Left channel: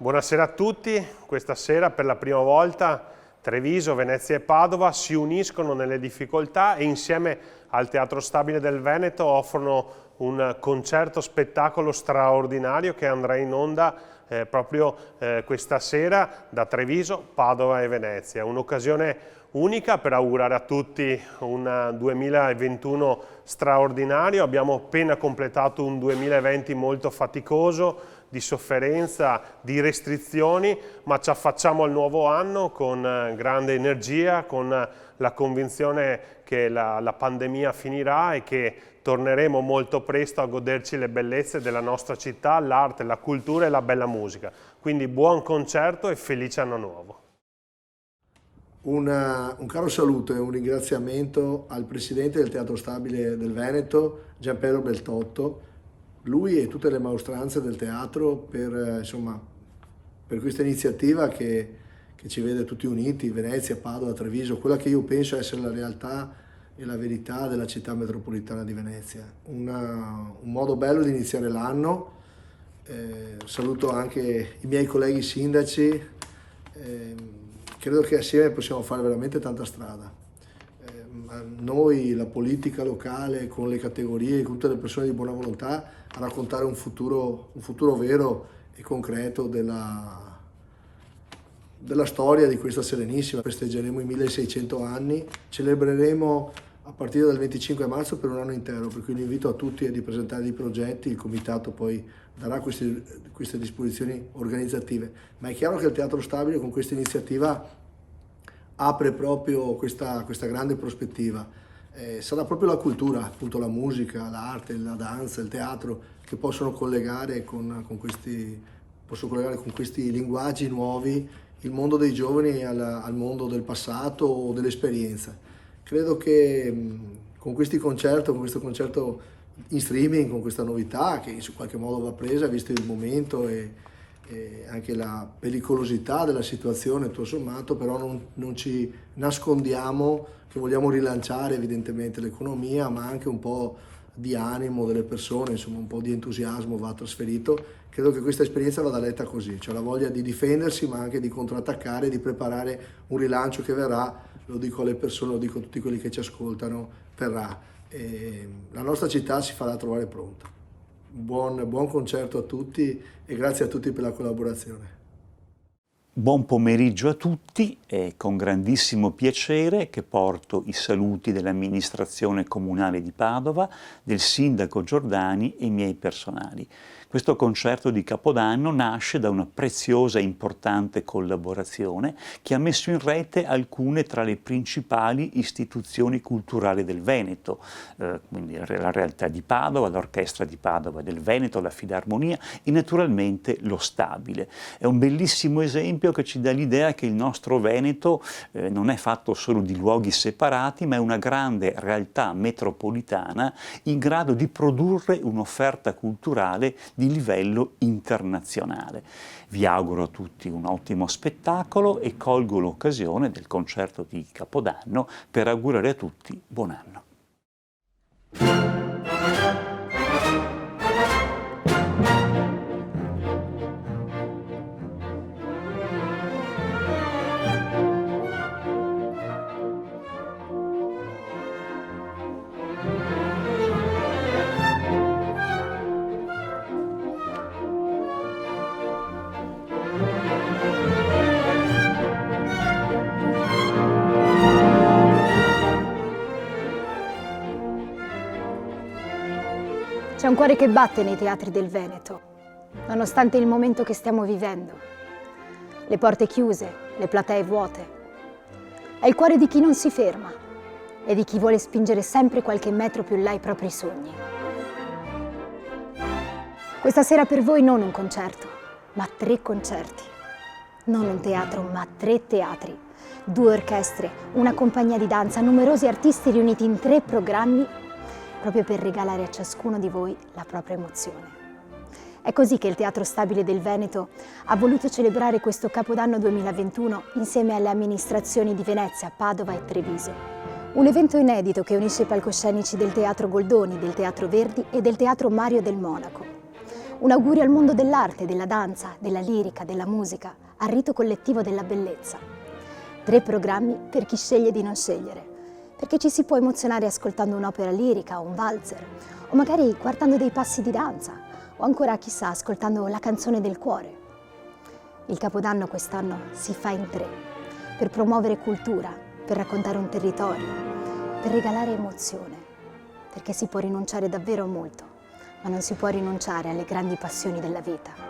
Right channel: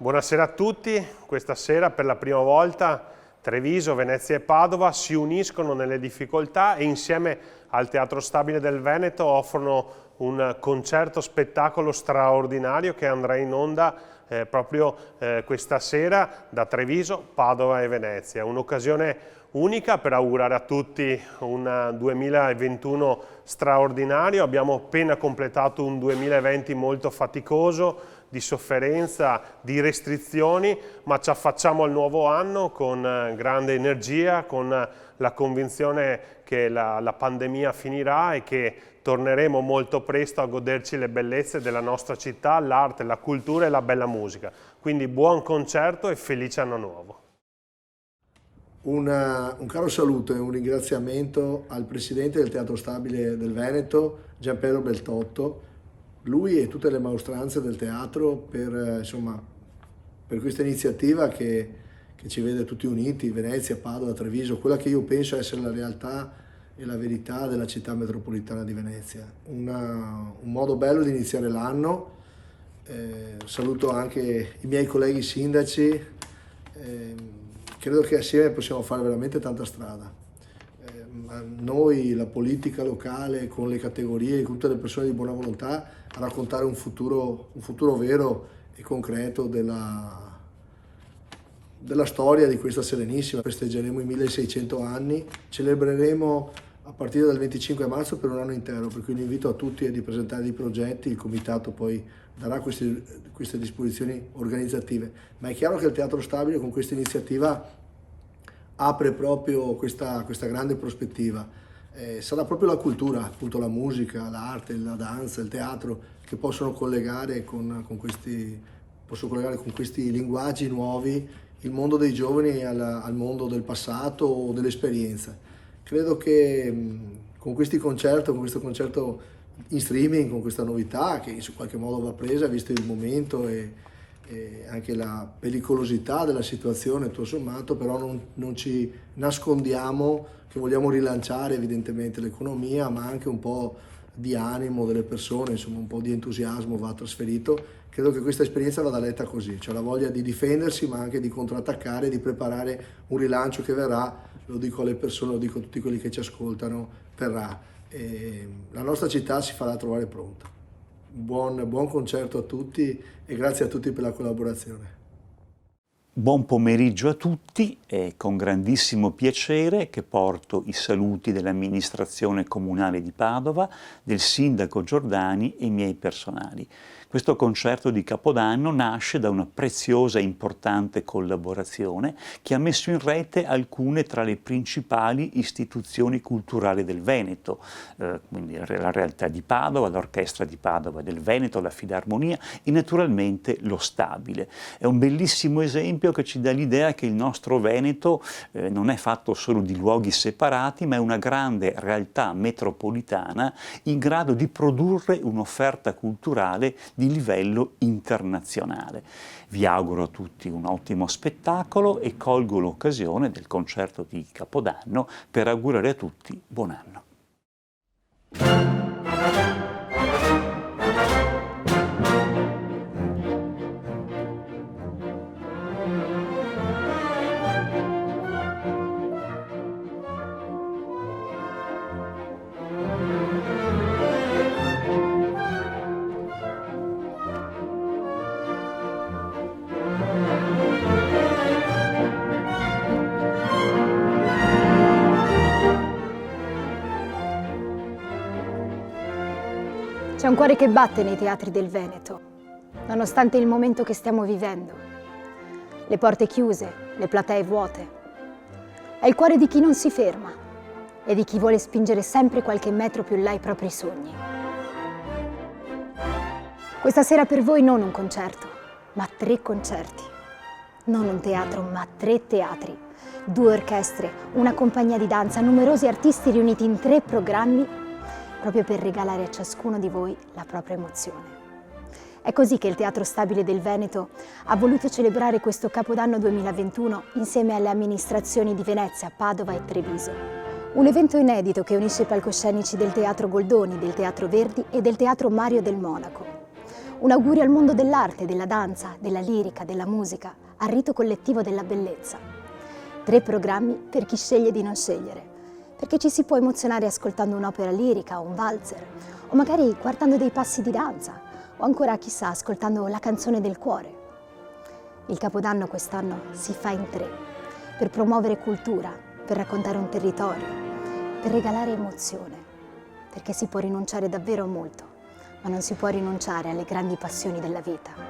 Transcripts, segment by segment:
Buonasera a tutti. Questa sera per la prima volta Treviso, Venezia e Padova si uniscono nelle difficoltà e insieme al Teatro Stabile del Veneto offrono un concerto spettacolo straordinario che andrà in onda proprio questa sera da Treviso, Padova e Venezia. Un'occasione unica per augurare a tutti un 2021 straordinario. Abbiamo appena completato un 2020 molto faticoso, di sofferenza, di restrizioni, ma ci affacciamo al nuovo anno con grande energia, con la convinzione che la pandemia finirà e che torneremo molto presto a goderci le bellezze della nostra città, l'arte, la cultura e la bella musica. Quindi buon concerto e felice anno nuovo. Un caro saluto e un ringraziamento al Presidente del Teatro Stabile del Veneto, Gianpiero Beltotto, lui e tutte le maestranze del teatro per questa iniziativa che ci vede tutti uniti, Venezia, Padova, Treviso, quella che io penso essere la realtà e la verità della città metropolitana di Venezia. Un modo bello di iniziare l'anno. Saluto anche i miei colleghi sindaci. Credo che assieme possiamo fare veramente tanta strada. Noi, la politica locale, con le categorie, con tutte le persone di buona volontà, a raccontare un futuro vero e concreto della storia di questa Serenissima. Festeggeremo i 1600 anni, celebreremo a partire dal 25 marzo per un anno intero, per cui l'invito a tutti è di presentare dei progetti, il comitato poi darà queste disposizioni organizzative. Ma è chiaro che il Teatro Stabile con questa iniziativa apre proprio questa grande prospettiva. Sarà proprio la cultura, appunto la musica, l'arte, la danza, il teatro che possono collegare con questi linguaggi nuovi il mondo dei giovani al mondo del passato o dell'esperienza. Credo che con questo concerto in streaming, con questa novità che in qualche modo va presa visto il momento e anche la pericolosità della situazione tutto sommato, però non ci nascondiamo che vogliamo rilanciare evidentemente l'economia, ma anche un po' di animo delle persone, insomma un po' di entusiasmo va trasferito. Credo che questa esperienza vada letta così, cioè la voglia di difendersi ma anche di contrattaccare, di preparare un rilancio che verrà, lo dico alle persone, lo dico a tutti quelli che ci ascoltano, verrà. La nostra città si farà trovare pronta. Buon concerto a tutti e grazie a tutti per la collaborazione. Buon pomeriggio a tutti, è con grandissimo piacere che porto i saluti dell'amministrazione comunale di Padova, del sindaco Giordani e i miei personali. Questo concerto di Capodanno nasce da una preziosa e importante collaborazione che ha messo in rete alcune tra le principali istituzioni culturali del Veneto, quindi la realtà di Padova, l'Orchestra di Padova del Veneto, la Filarmonia e naturalmente lo Stabile. È un bellissimo esempio che ci dà l'idea che il nostro Veneto non è fatto solo di luoghi separati, ma è una grande realtà metropolitana in grado di produrre un'offerta culturale di livello internazionale. Vi auguro a tutti un ottimo spettacolo e colgo l'occasione del concerto di Capodanno per augurare a tutti buon anno. C'è un cuore che batte nei teatri del Veneto, nonostante il momento che stiamo vivendo. Le porte chiuse, le platee vuote. È il cuore di chi non si ferma e di chi vuole spingere sempre qualche metro più là i propri sogni. Questa sera per voi non un concerto, ma 3 concerti. Non un teatro, ma 3 teatri, 2 orchestre, una compagnia di danza, numerosi artisti riuniti in 3 programmi proprio per regalare a ciascuno di voi la propria emozione. È così che il Teatro Stabile del Veneto ha voluto celebrare questo Capodanno 2021 insieme alle amministrazioni di Venezia, Padova e Treviso. Un evento inedito che unisce i palcoscenici del Teatro Goldoni, del Teatro Verdi e del Teatro Mario del Monaco. Un augurio al mondo dell'arte, della danza, della lirica, della musica, al rito collettivo della bellezza. 3 programmi per chi sceglie di non scegliere, perché ci si può emozionare ascoltando un'opera lirica o un valzer, o magari guardando dei passi di danza, o ancora, chissà, ascoltando la canzone del cuore. Il Capodanno quest'anno si fa in 3, per promuovere cultura, per raccontare un territorio, per regalare emozione, perché si può rinunciare davvero a molto, ma non si può rinunciare alle grandi passioni della vita.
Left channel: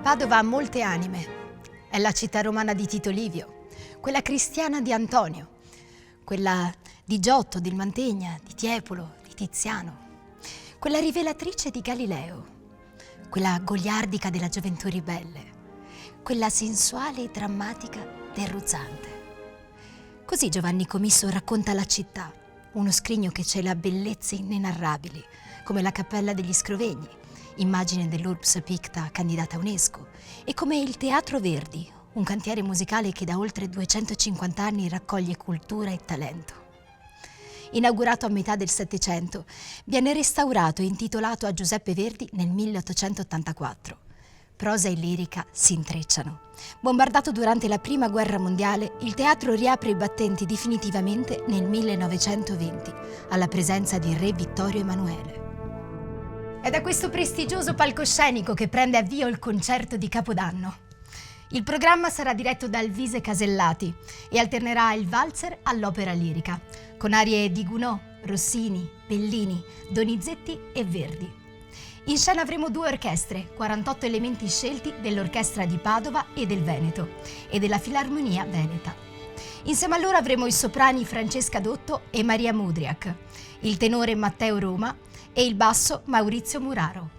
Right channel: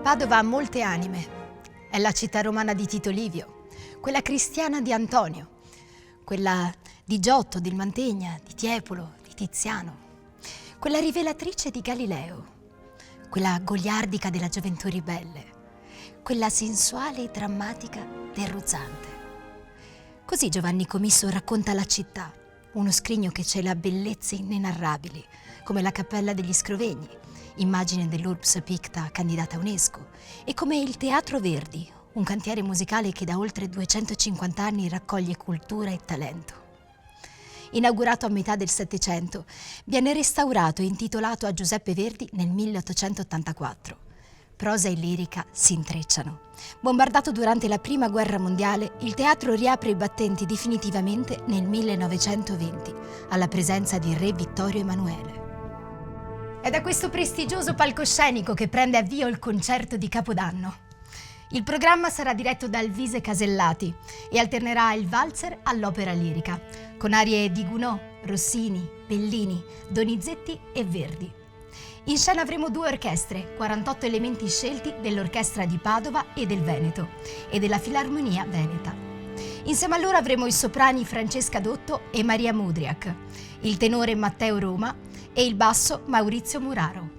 Padova ha molte anime. È la città romana di Tito Livio, quella cristiana di Antonio, quella di Giotto, del Mantegna, di Tiepolo, di Tiziano, quella rivelatrice di Galileo, quella goliardica della gioventù ribelle, quella sensuale e drammatica del Ruzzante. Così Giovanni Comisso racconta la città, uno scrigno che cela bellezze inenarrabili, come la Cappella degli Scrovegni, immagine dell'Urbs Picta candidata a UNESCO, e come il Teatro Verdi, un cantiere musicale che da oltre 250 anni raccoglie cultura e talento. Inaugurato a metà del Settecento, viene restaurato e intitolato a Giuseppe Verdi nel 1884. Prosa e lirica si intrecciano. Bombardato durante la Prima Guerra Mondiale, il teatro riapre i battenti definitivamente nel 1920, alla presenza di Re Vittorio Emanuele. È da questo prestigioso palcoscenico che prende avvio il concerto di Capodanno. Il programma sarà diretto da Elvise Casellati e alternerà il valzer all'opera lirica, con arie di Gounod, Rossini, Bellini, Donizetti e Verdi. In scena avremo 2 orchestre, 48 elementi scelti dell'Orchestra di Padova e del Veneto e della Filarmonia Veneta. Insieme a loro avremo i soprani Francesca Dotto e Maria Mudriak, il tenore Matteo Roma e il basso Maurizio Muraro.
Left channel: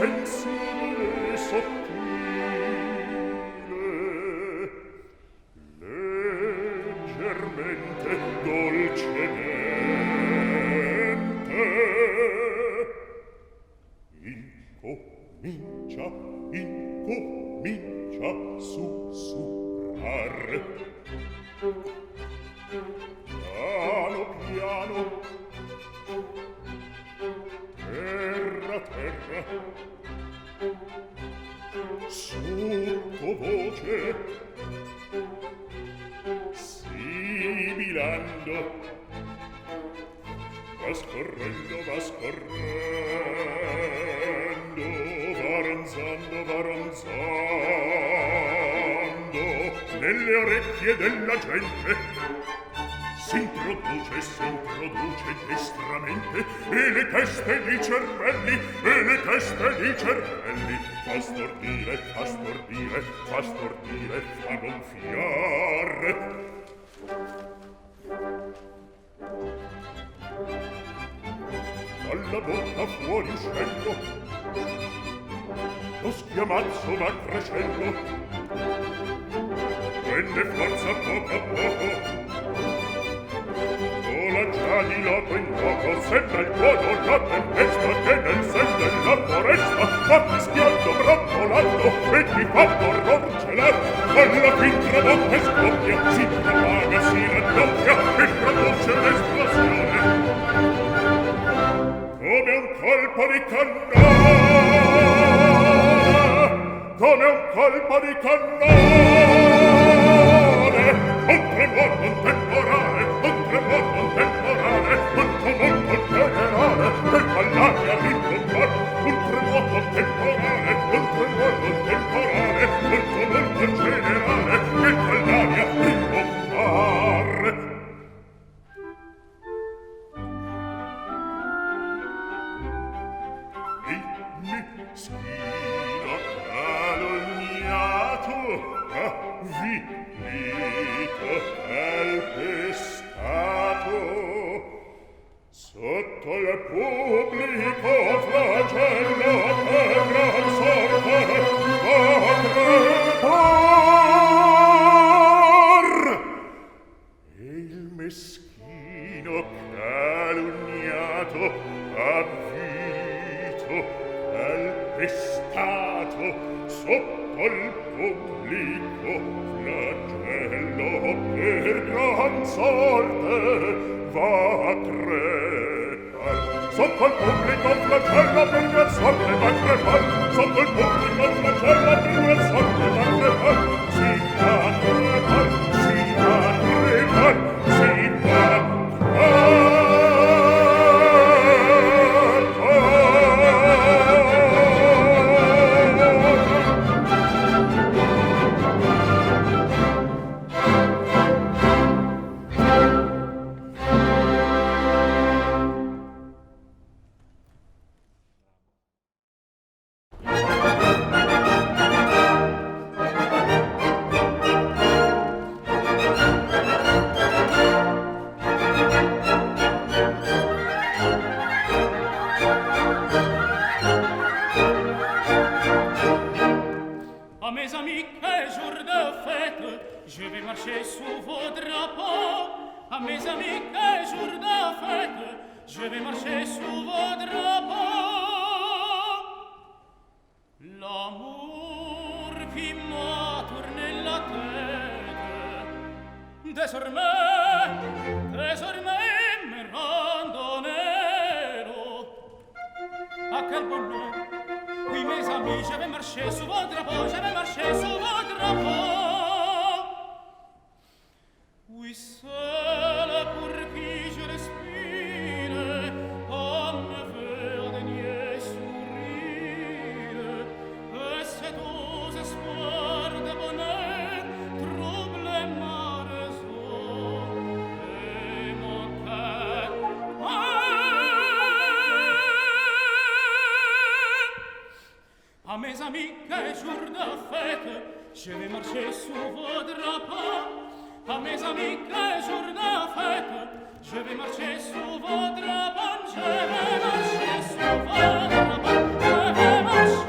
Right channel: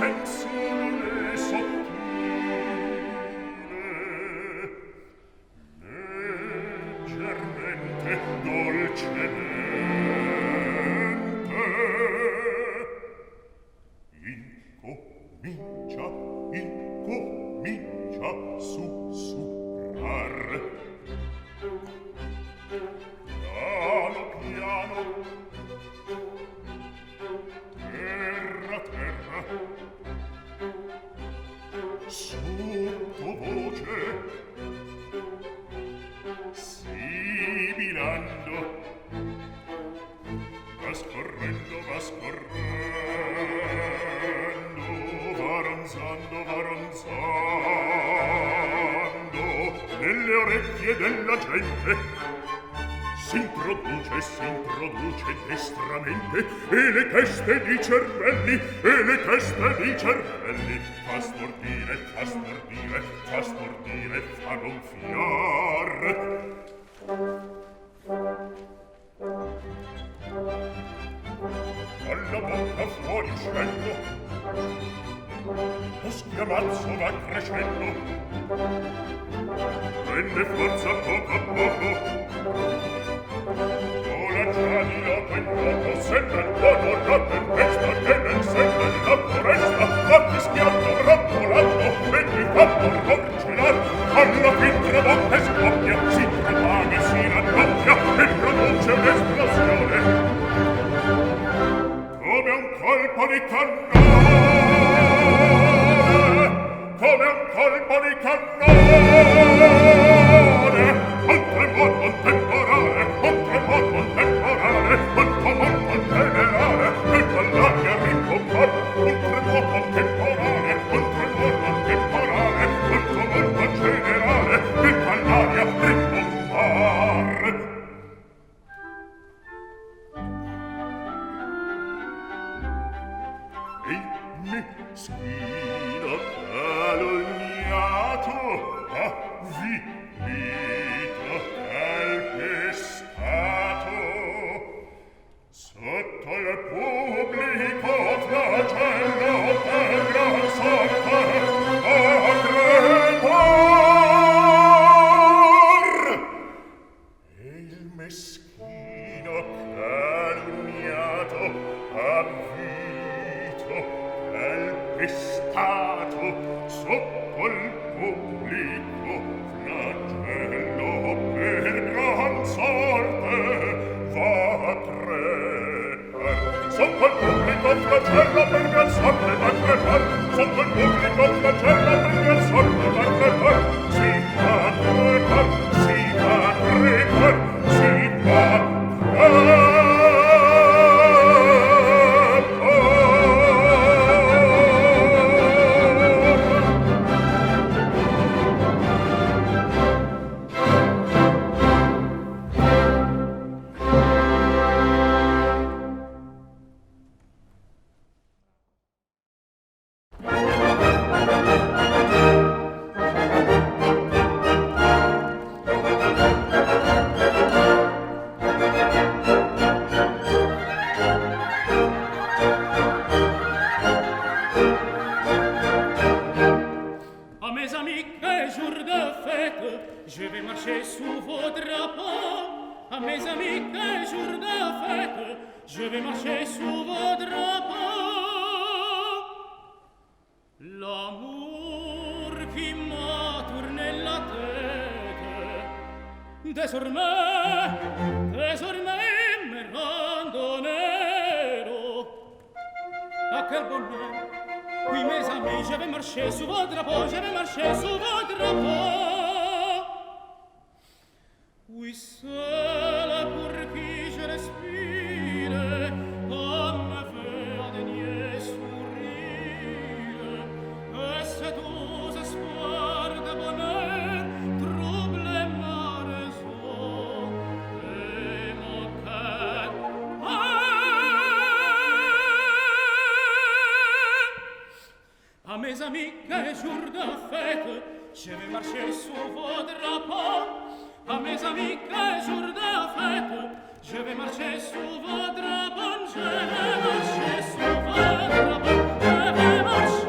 sensibile e sottile, leggermente, dolcemente, incomincia a sussurrare. Piano piano, terra terra, sottovoce, sibilando, va scorrendo, va ronzando nelle orecchie della gente. S'introduce destramente, e le teste di cervelli, fa stordire, fa gonfiare. Dalla bocca fuori uscendo, lo schiamazzo va crescendo, prende forza poco a poco, vola già di loco in loco, sembra il tuono la tempesta che nel sen della foresta va fischiando, brontolando e ti fa l'orror celar. Alla fin tramonta e scoppia, si propaga, si raddoppia e produce un'esplosione come un colpo di cannone, come un colpo di cannone, un tremor contemporaneo, un tremor contemporaneo, un tumulto generale che fa l'aria rimbombare, un tremor contemporaneo, un tremor contemporaneo, un tumulto generale che fa l'aria rimbombare. Meschino calunniato, avvilito, calpestato, sotto il pubblico flagello per gran sorte a crepar. E il meschino calunniato, avvilito, calpestato, sotto il pubblico flagello per gran sorte va a crepar. Sotto il pubblico flagello per gran sorte va a crepar. Sotto il pubblico flagello per gran sorte va a crepar. Si va a crepar, si va a crepar, si va a crepar. Je vais marcher sous vos drapeaux, à mes amis, quel jour de fête. Je vais marcher sous vos drapeaux. L'amour qui m'a tourné la tête, désormais me rend nero. Ah, quel bonheur! Oui, mes amis, je vais marcher sous vos drapeaux, je vais marcher sous vos drapeaux. Oui, seul pour qui je respire, comme me fait un dernier sourire, et cet doux espoir de bonheur trouble ma raison et mon cœur. À mes amis, quel jour de fête, je vais marcher sous vos drapeaux. À mes amis, quel jour de fête, je vais marcher sous vos drapeaux, je vais marcher sous vos drapeaux, je vais marcher.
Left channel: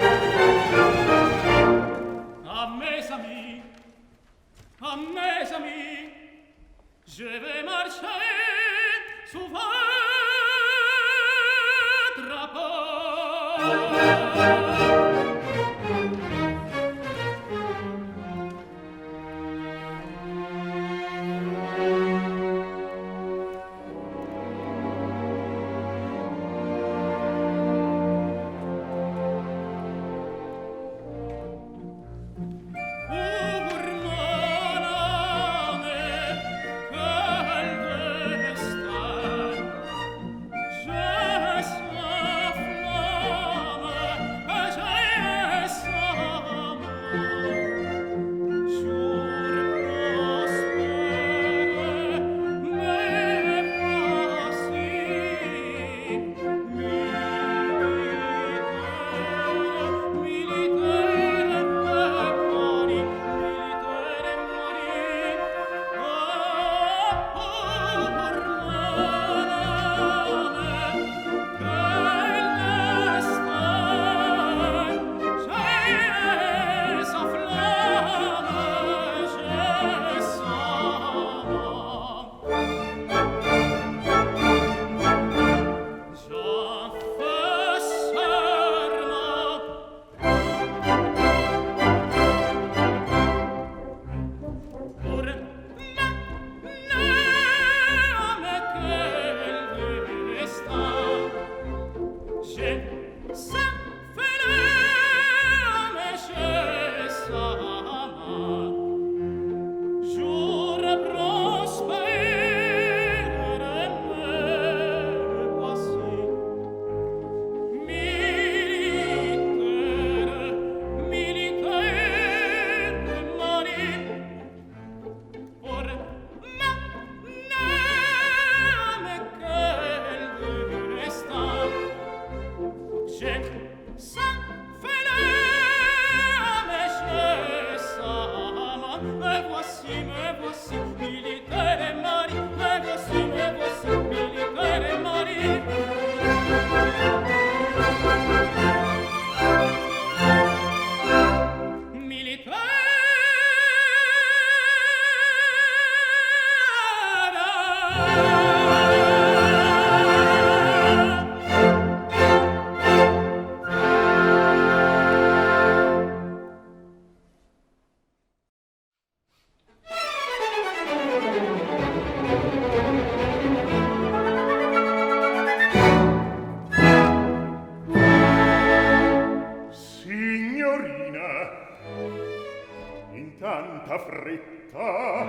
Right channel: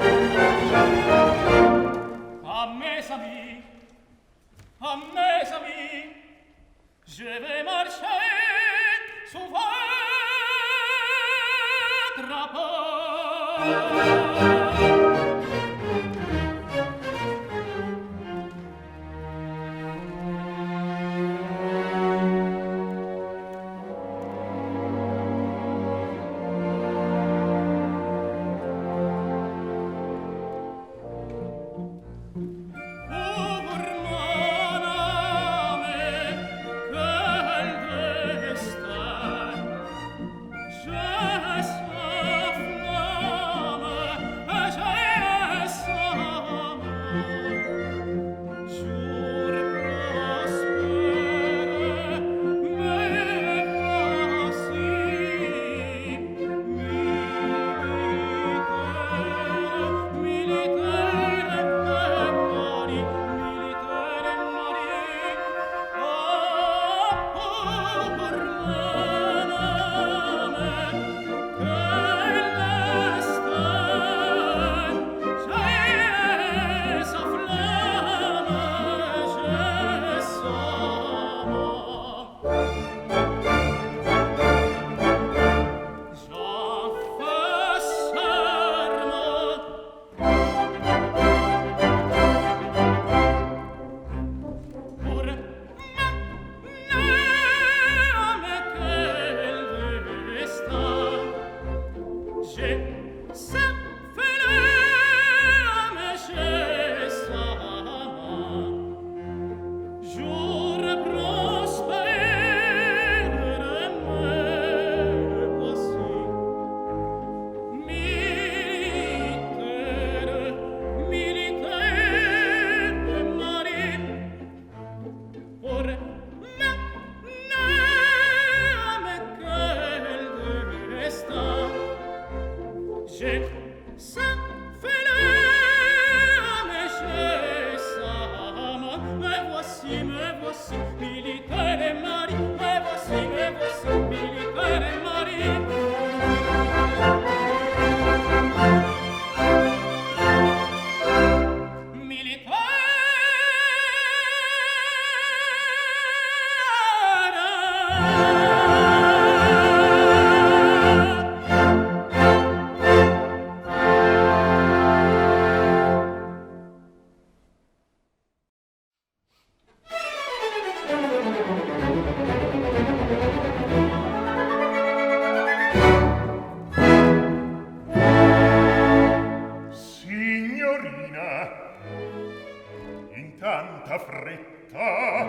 tanta fretta?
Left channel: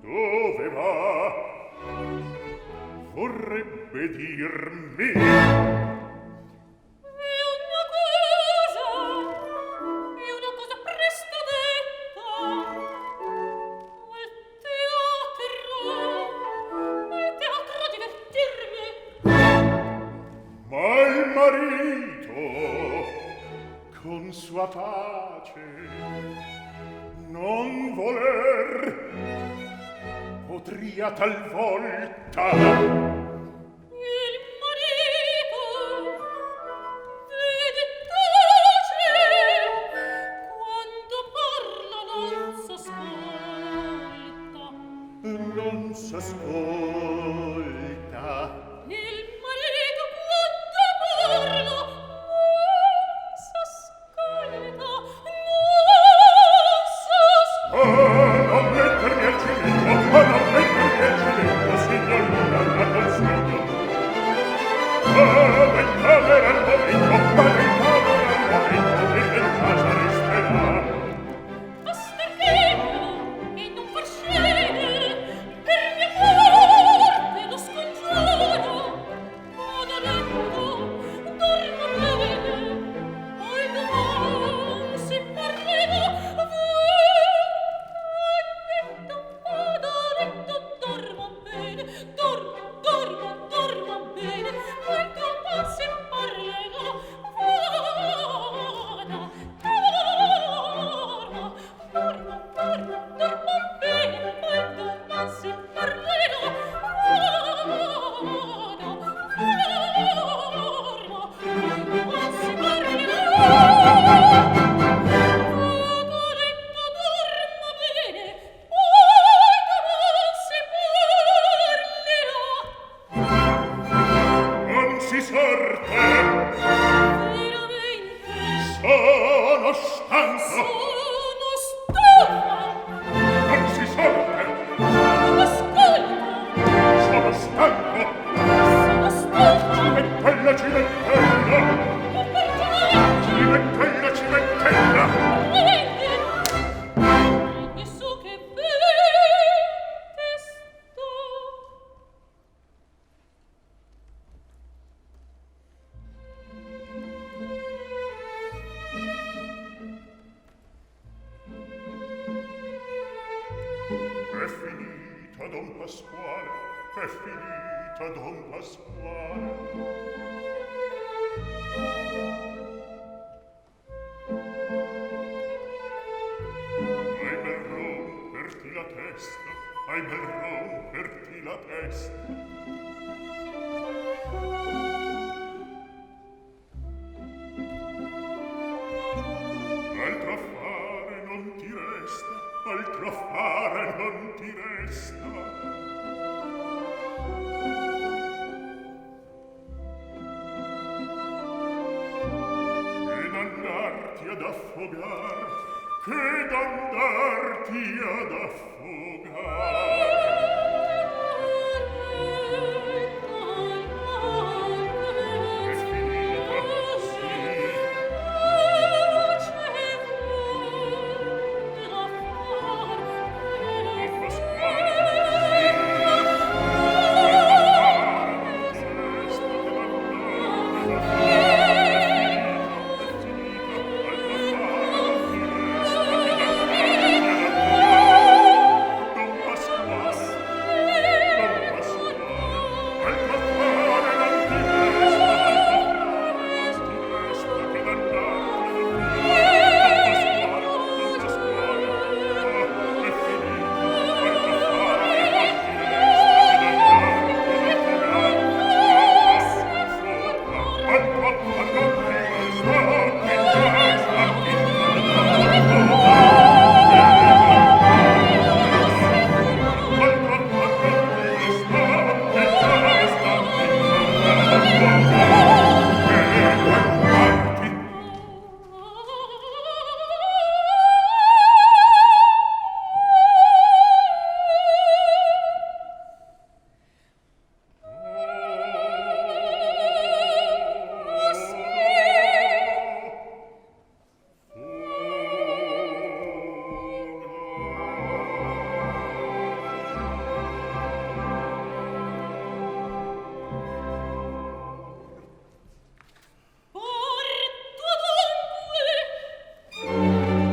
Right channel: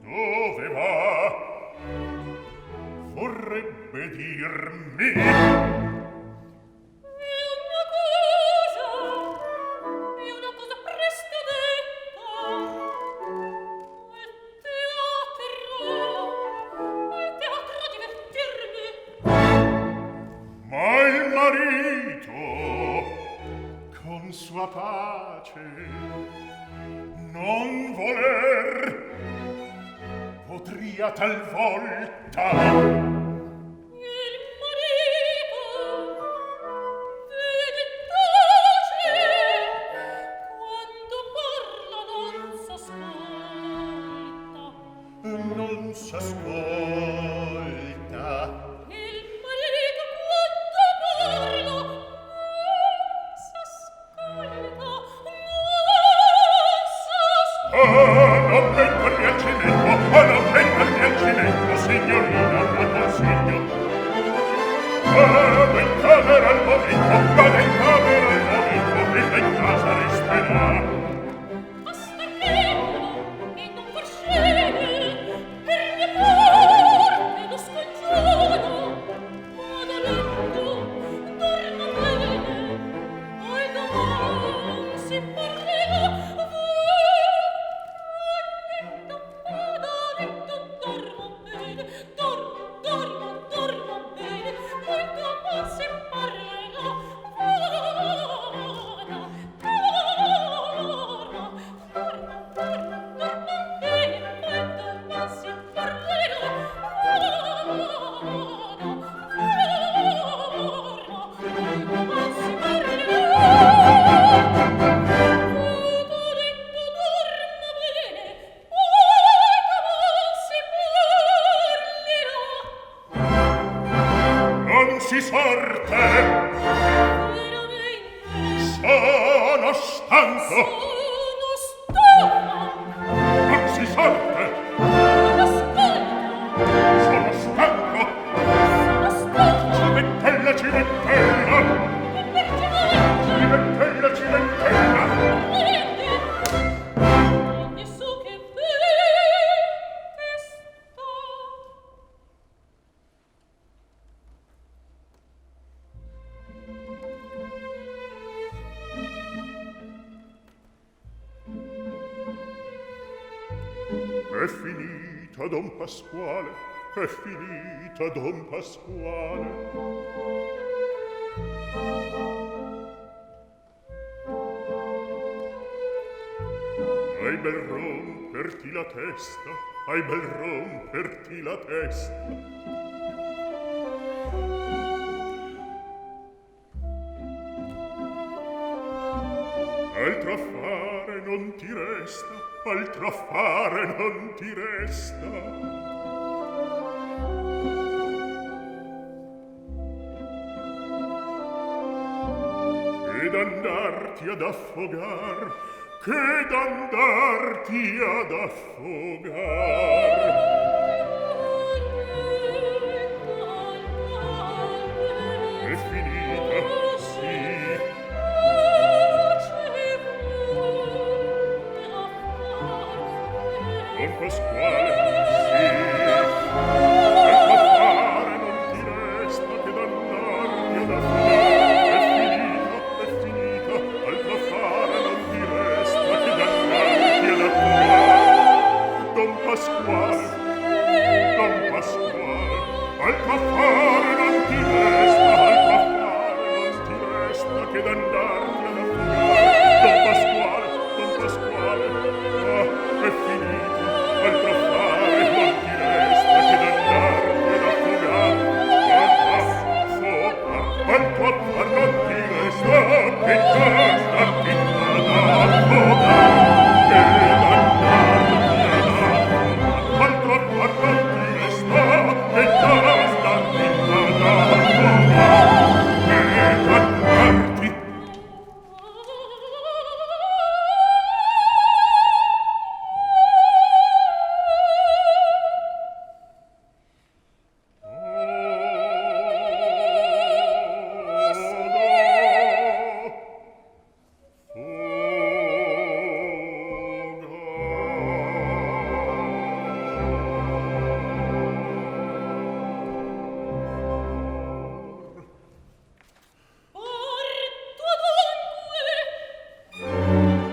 Dove va? Vorrebbe dirmi? È una cosa presto detta. Al teatro divertirmi. Ma il marito, con sua pace, non voler, potria talvolta. Il marito vede tace, quando parla non s'ascolta. Non s'ascolta. Il marito quando parla non s'ascolta. Non non mettermi al cimento, non mettermi al cimento, signorina, la stanco. Sono stufa. Non si sente. Non ascolto. Sono stanco. Sono stufa. Cimentella, cimentella. E perché? Cimentella, cimentella. Prendi. Prendi su che vedi sto. È finita, Don Pasquale, è finita, Don Pasquale. Hai bel romperti la testa, hai bel romperti la testa. Altro affare non ti resta, altro affare non ti resta. Che d'andarti ad affogar, che d'andarti ad affogar. È finita, sì. Don Pasquale, sì. Altro affare non ti resta che d'andarti ad affogare. È finita, altro affare non ti resta che d'andarti ad affogare. Don Pasquale, altro affare non ti resta, altro affare non ti resta che d'andarti ad affogare. Don Pasquale, è finita, altro affare non ti resta che d'andarti ad affogare. Altro affare non ti resta che d'andarti ad affogare. Altro affare non ti resta che d'andarti ad affogare.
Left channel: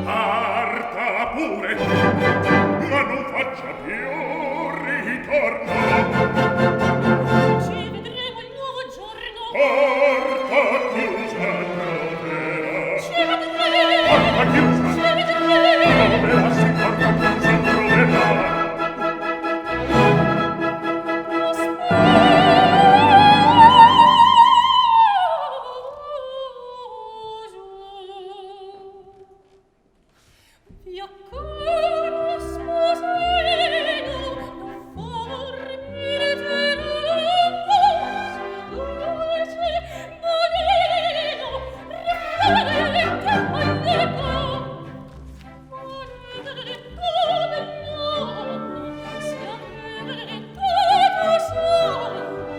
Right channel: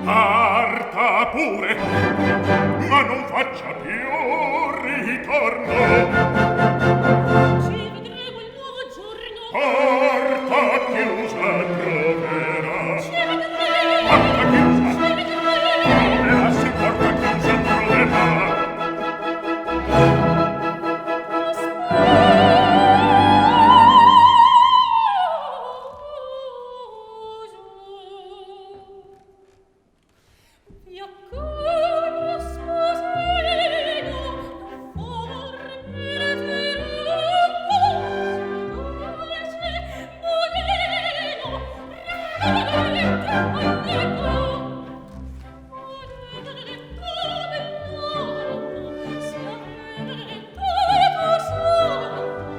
Parta pure, ma non faccia più ritorno. Ci vedremo il nuovo giorno. Porta chiusa troverà. Ci vedremo. Porta chiusa. Ci vedremo. Troverà, sì, porta chiusa troverà. Vi accorgo, sposino, non fornire dolce, modeno, regalente, alleco. Maledetto bell'uomo, sia benedetto suo, perché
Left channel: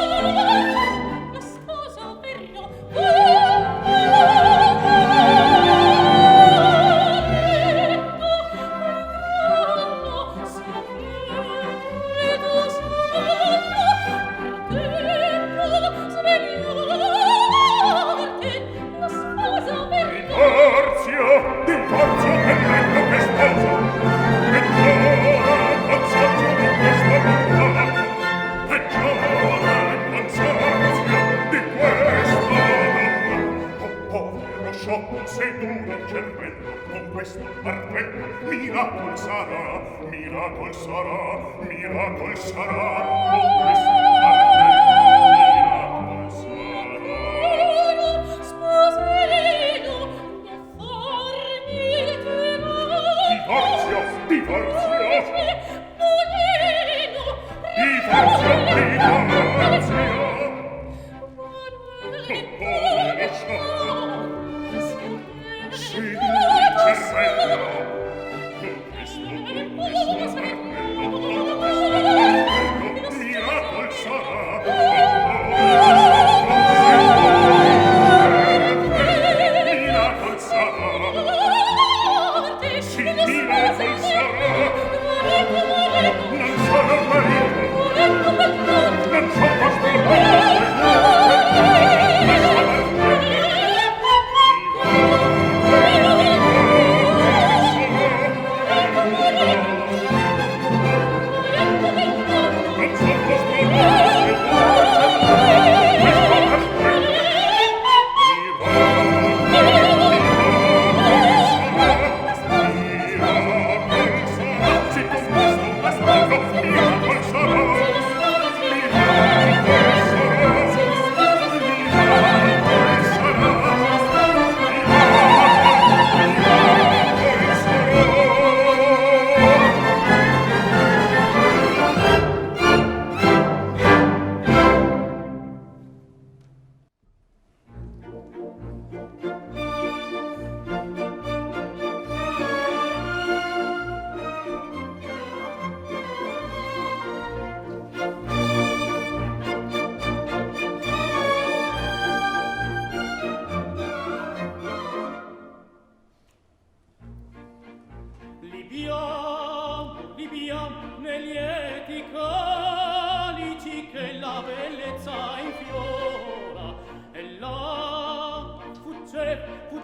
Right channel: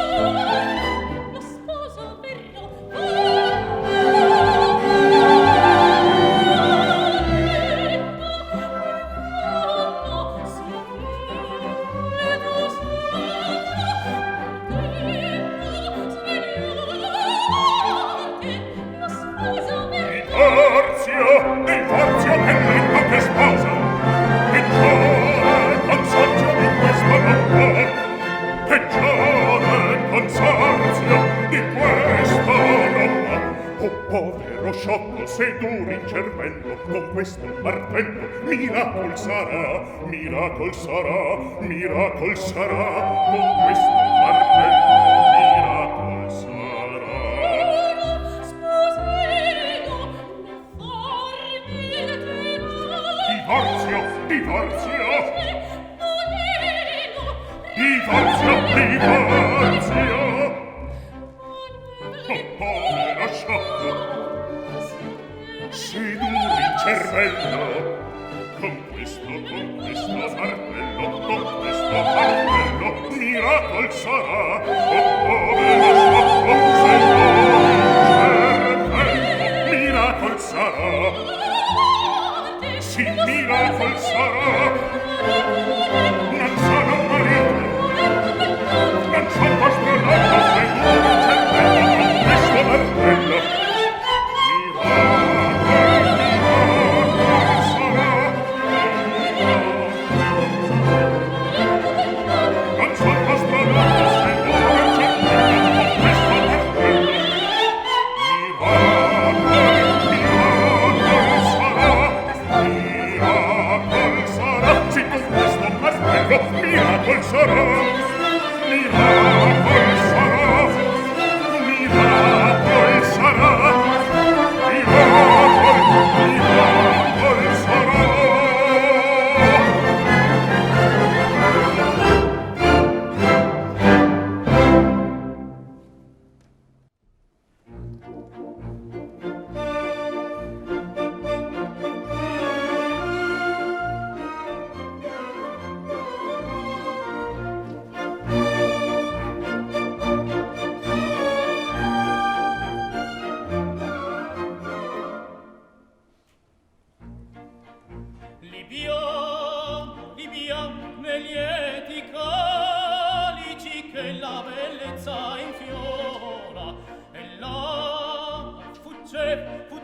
Signore, lo sposo verrò. Divorzio che letto che sposa. Peggiore consorzio di questa roba. Peggiore consorzio di questa roba. Oh, povero sciocco, sei duro il cervello. Con questo martello miracol sarà, miracol sarà, miracol sarà. Con questo martello miracol sarà. Divorzio, divorzio. Divorzio, divorzio. Oh, povero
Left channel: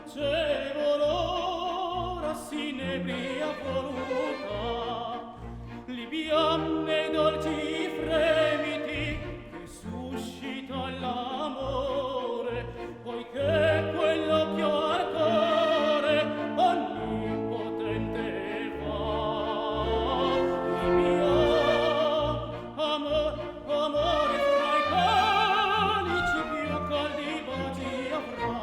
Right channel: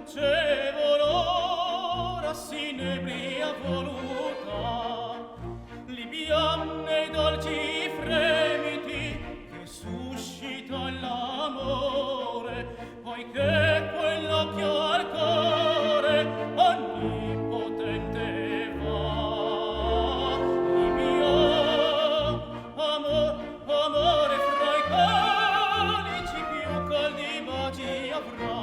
fuggeva l'ora s'inebria voluta, libianne dolci fremiti che suscita l'amore, poiché quell'occhio al cuore onnipotente va. Il mio amore fra i calici più caldi baci avrà.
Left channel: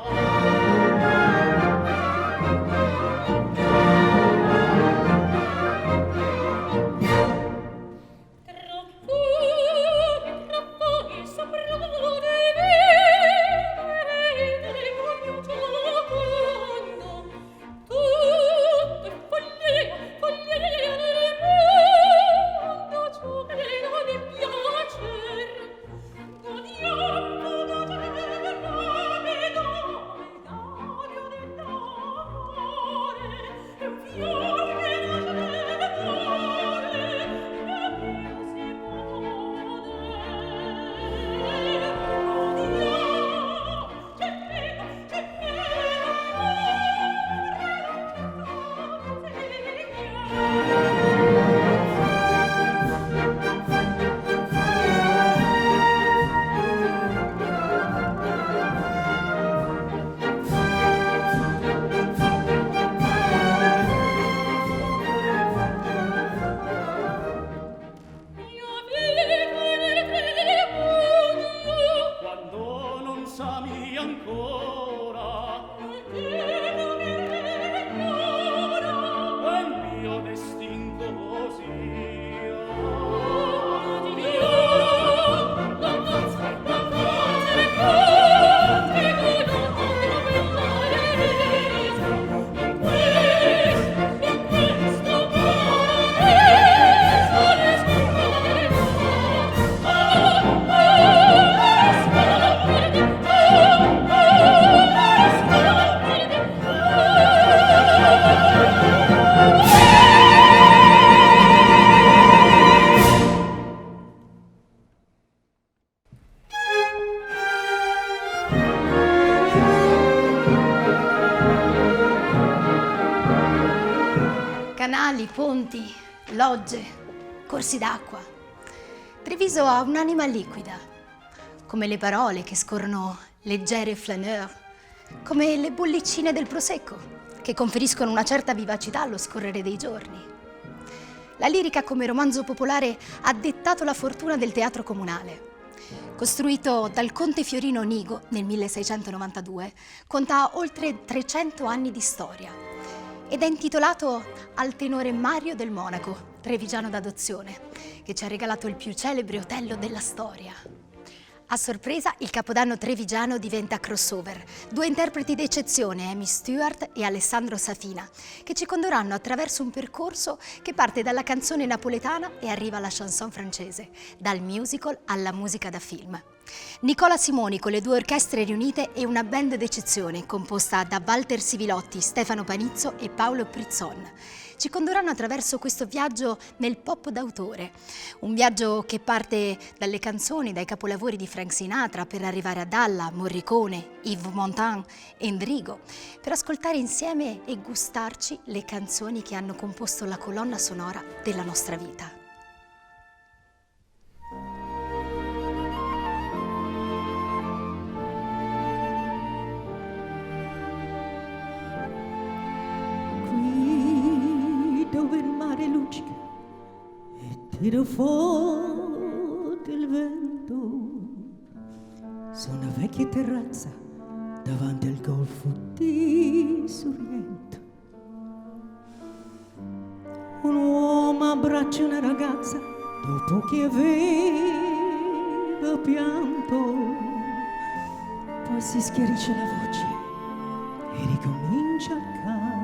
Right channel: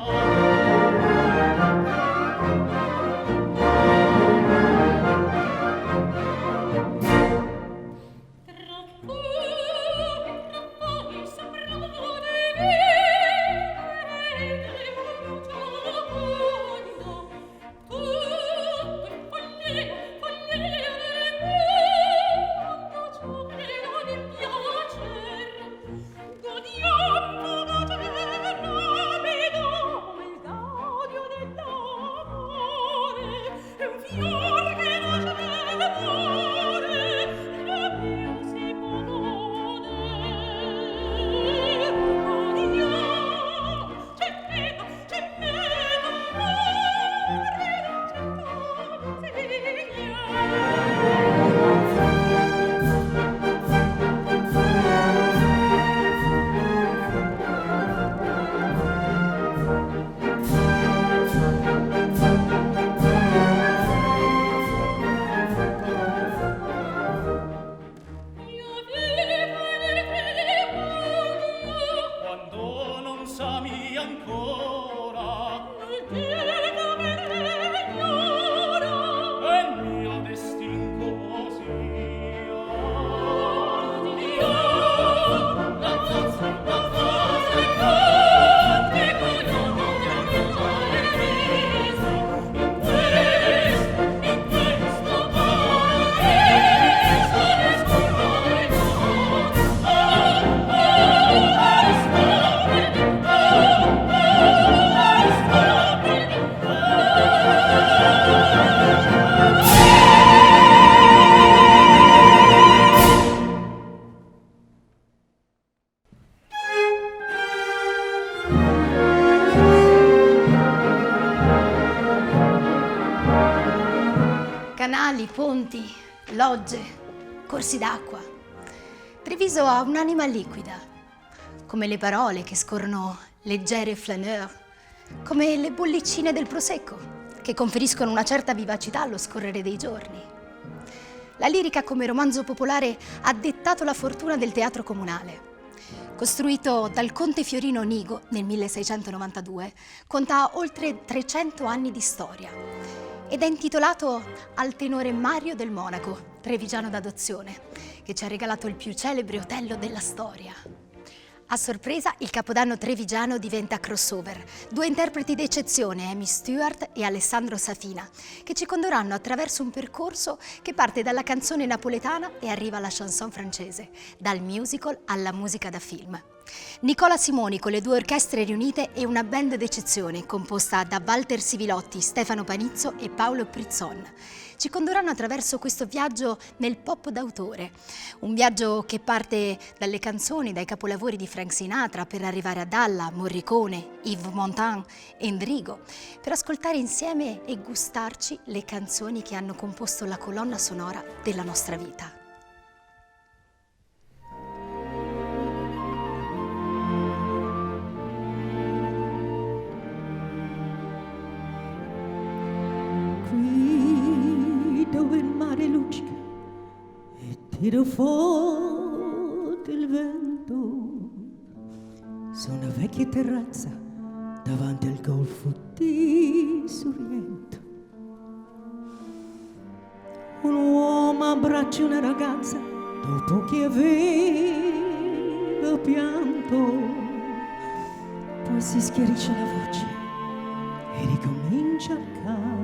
Canali, ponti, logge, corsi d'acqua. Treviso ha un'anima liquida, come le parole che scorrono leggere e flaneur, come le bollicine del prosecco, che conferiscono una certa vivacità allo scorrere dei giorni. La lirica come romanzo popolare ha dettato la fortuna del teatro comunale. Costruito dal conte Fiorino Nigo nel 1692, conta oltre 300 anni di storia ed è intitolato al tenore Mario del Monaco, trevigiano d'adozione, che ci ha regalato il più celebre Otello della storia. A sorpresa, il Capodanno trevigiano diventa crossover. Due interpreti d'eccezione, Amy Stewart e Alessandro Safina, che ci condurranno attraverso un percorso che parte dalla canzone napoletana e arriva alla chanson francese, dal musical alla musica da film. Nicola Simoni con le due orchestre riunite e una band d'eccezione composta da Walter Sivilotti, Stefano Panizzo e Paolo Prizzon. Ci condurranno attraverso questo viaggio nel pop d'autore, un viaggio che parte dalle canzoni, dai capolavori di Frank Sinatra per arrivare a Dalla, Morricone, Yves Montand e Endrigo, per ascoltare insieme e gustarci le canzoni che hanno composto la colonna sonora della nostra vita. Dove il mare luccica e tira forte il vento, su una vecchia terrazza davanti al golfo di Sorrento. Un uomo abbraccia una ragazza dopo che aveva pianto, poi si schiarisce la voce e ricomincia il canto.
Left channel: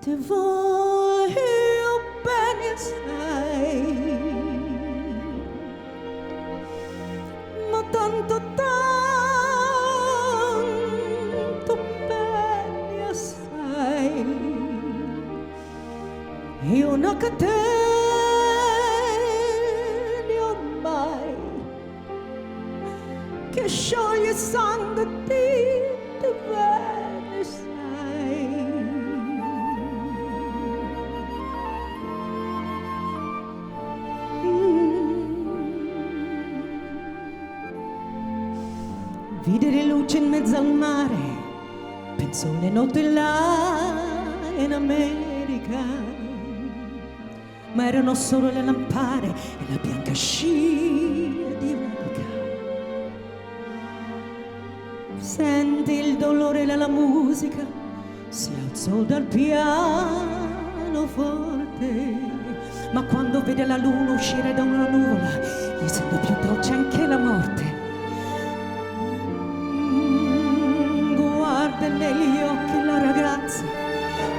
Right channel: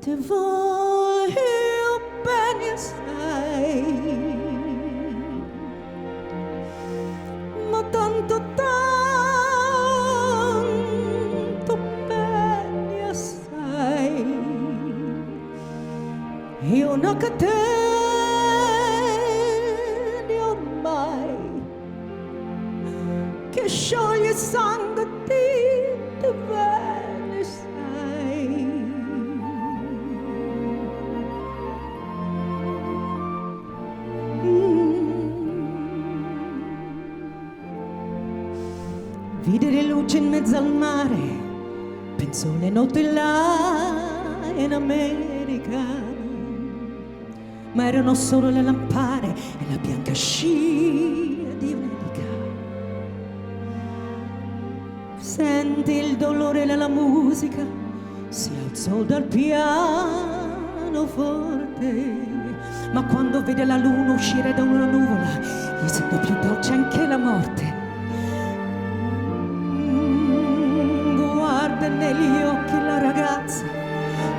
Ti voglio bene assai, ma tanto bene assai. Io non che te ne ho mai, che scioglie sangue di te bene sai. Vide le luci in mezzo al mare, penso le notti là in America, ma erano solo le lampare e la bianca scia di un'elica. Senti il dolore nella musica, si alzò dal pianoforte, ma quando vede la luna uscire da una nuvola, gli sembra più dolce anche la morte. Guarda negli occhi la ragazza,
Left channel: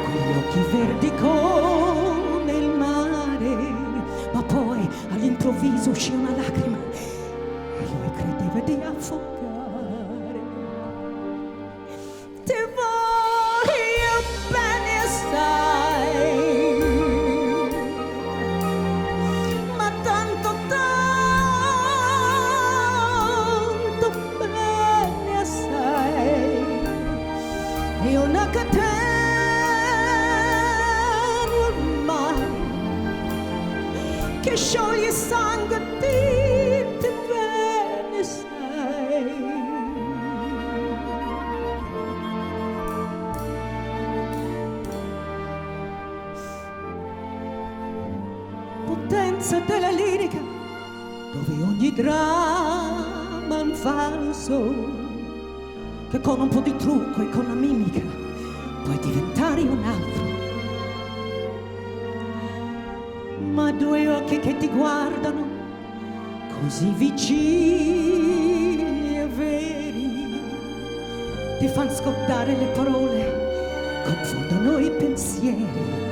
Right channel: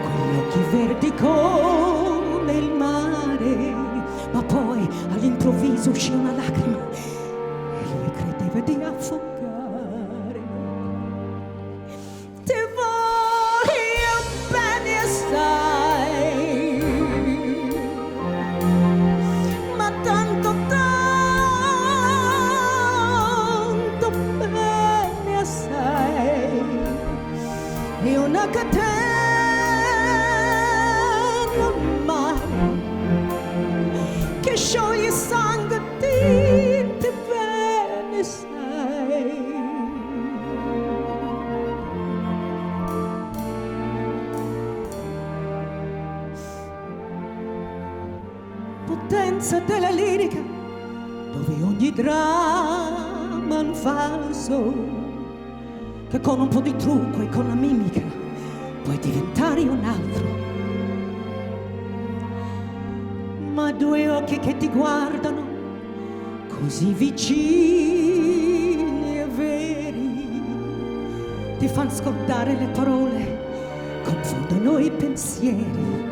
quegli occhi verdi come il mare, ma poi all'improvviso uscì una lacrima e lui credeva di affogare. Ti voglio bene assai, ma tanto tanto bene assai, e una catena ormai che scioglie sangue di te bene sai. Potenza della lirica, dove ogni dramma è un falso, che con un po' di trucco e con la mimica puoi diventare un altro. Ma due occhi che ti guardano così vicini e veri ti fanno scordare le parole, confondono i pensieri.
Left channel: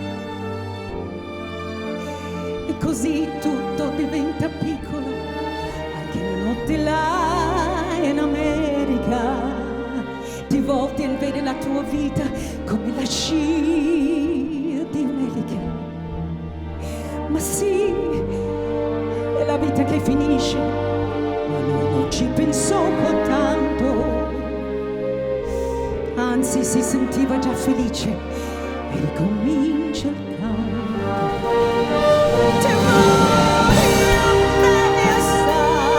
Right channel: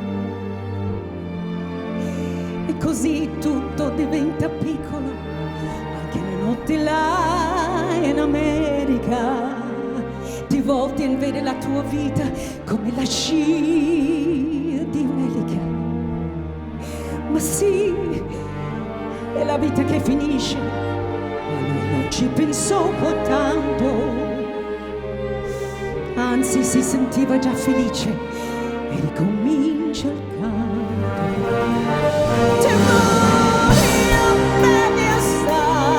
E così tutto diventa piccolo, anche le notti là in America. Ti volti e vedi la tua vita come la scia di un'elica. Ma sì, è la vita che finisce, ma lui non ci pensò poi tanto. Anzi, si sentiva già felice e ricomincia il canto. Ti voglio bene assai,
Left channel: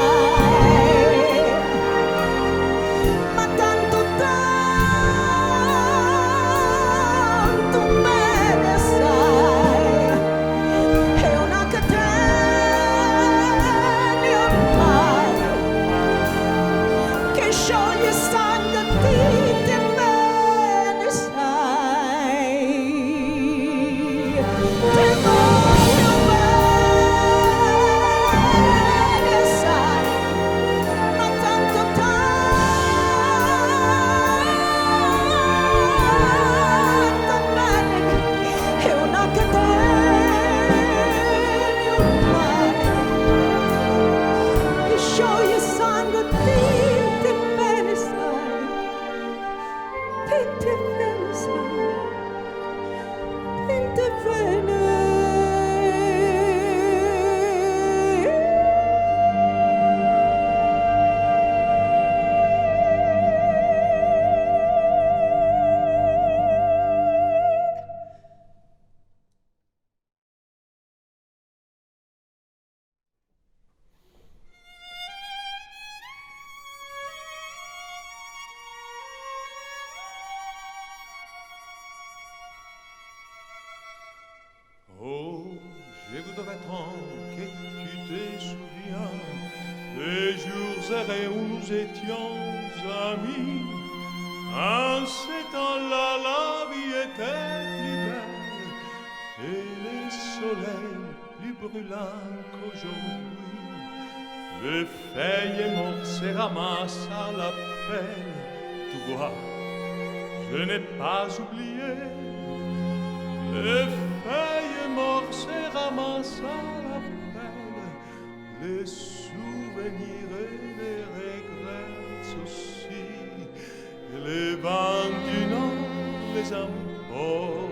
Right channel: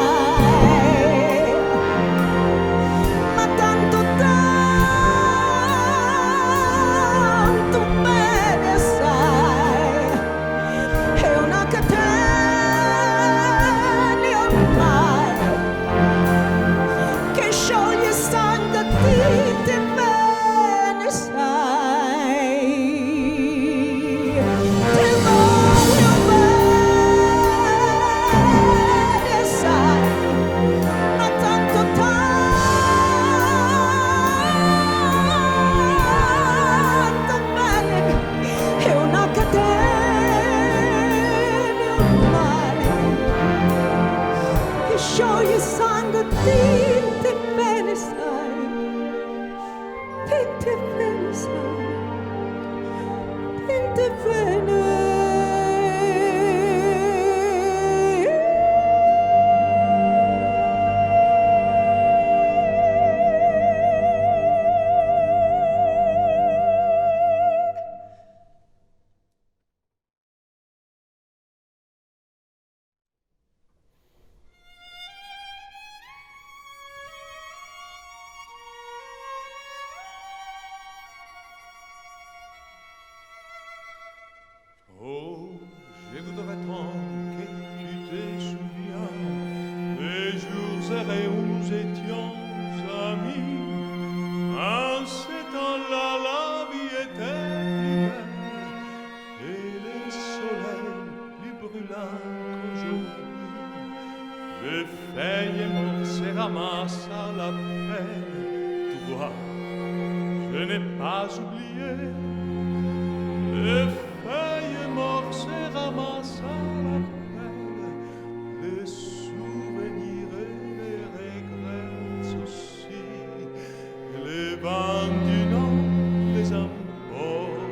ma tanto tanto bene assai, è una catena ormai che scioglie sangue di te bene sai. Ti voglio bene sai, ma tanto tanto bene, è una catena ormai che scioglie sangue di te bene sai, di te bene sai, di te bene. Oh, je voudrais tant que tu te souviens des jours errés où nous étions amis. En ces temps-là, la vie était plus belle et les soleils plus brûlants qu'aujourd'hui. Les feuilles mortes se ramassent à la pelle. Tu vois, je n'ai pas oublié. Les feuilles mortes se ramassent à la pelle, les souvenirs et les regrets aussi, et les vents du nord les emportent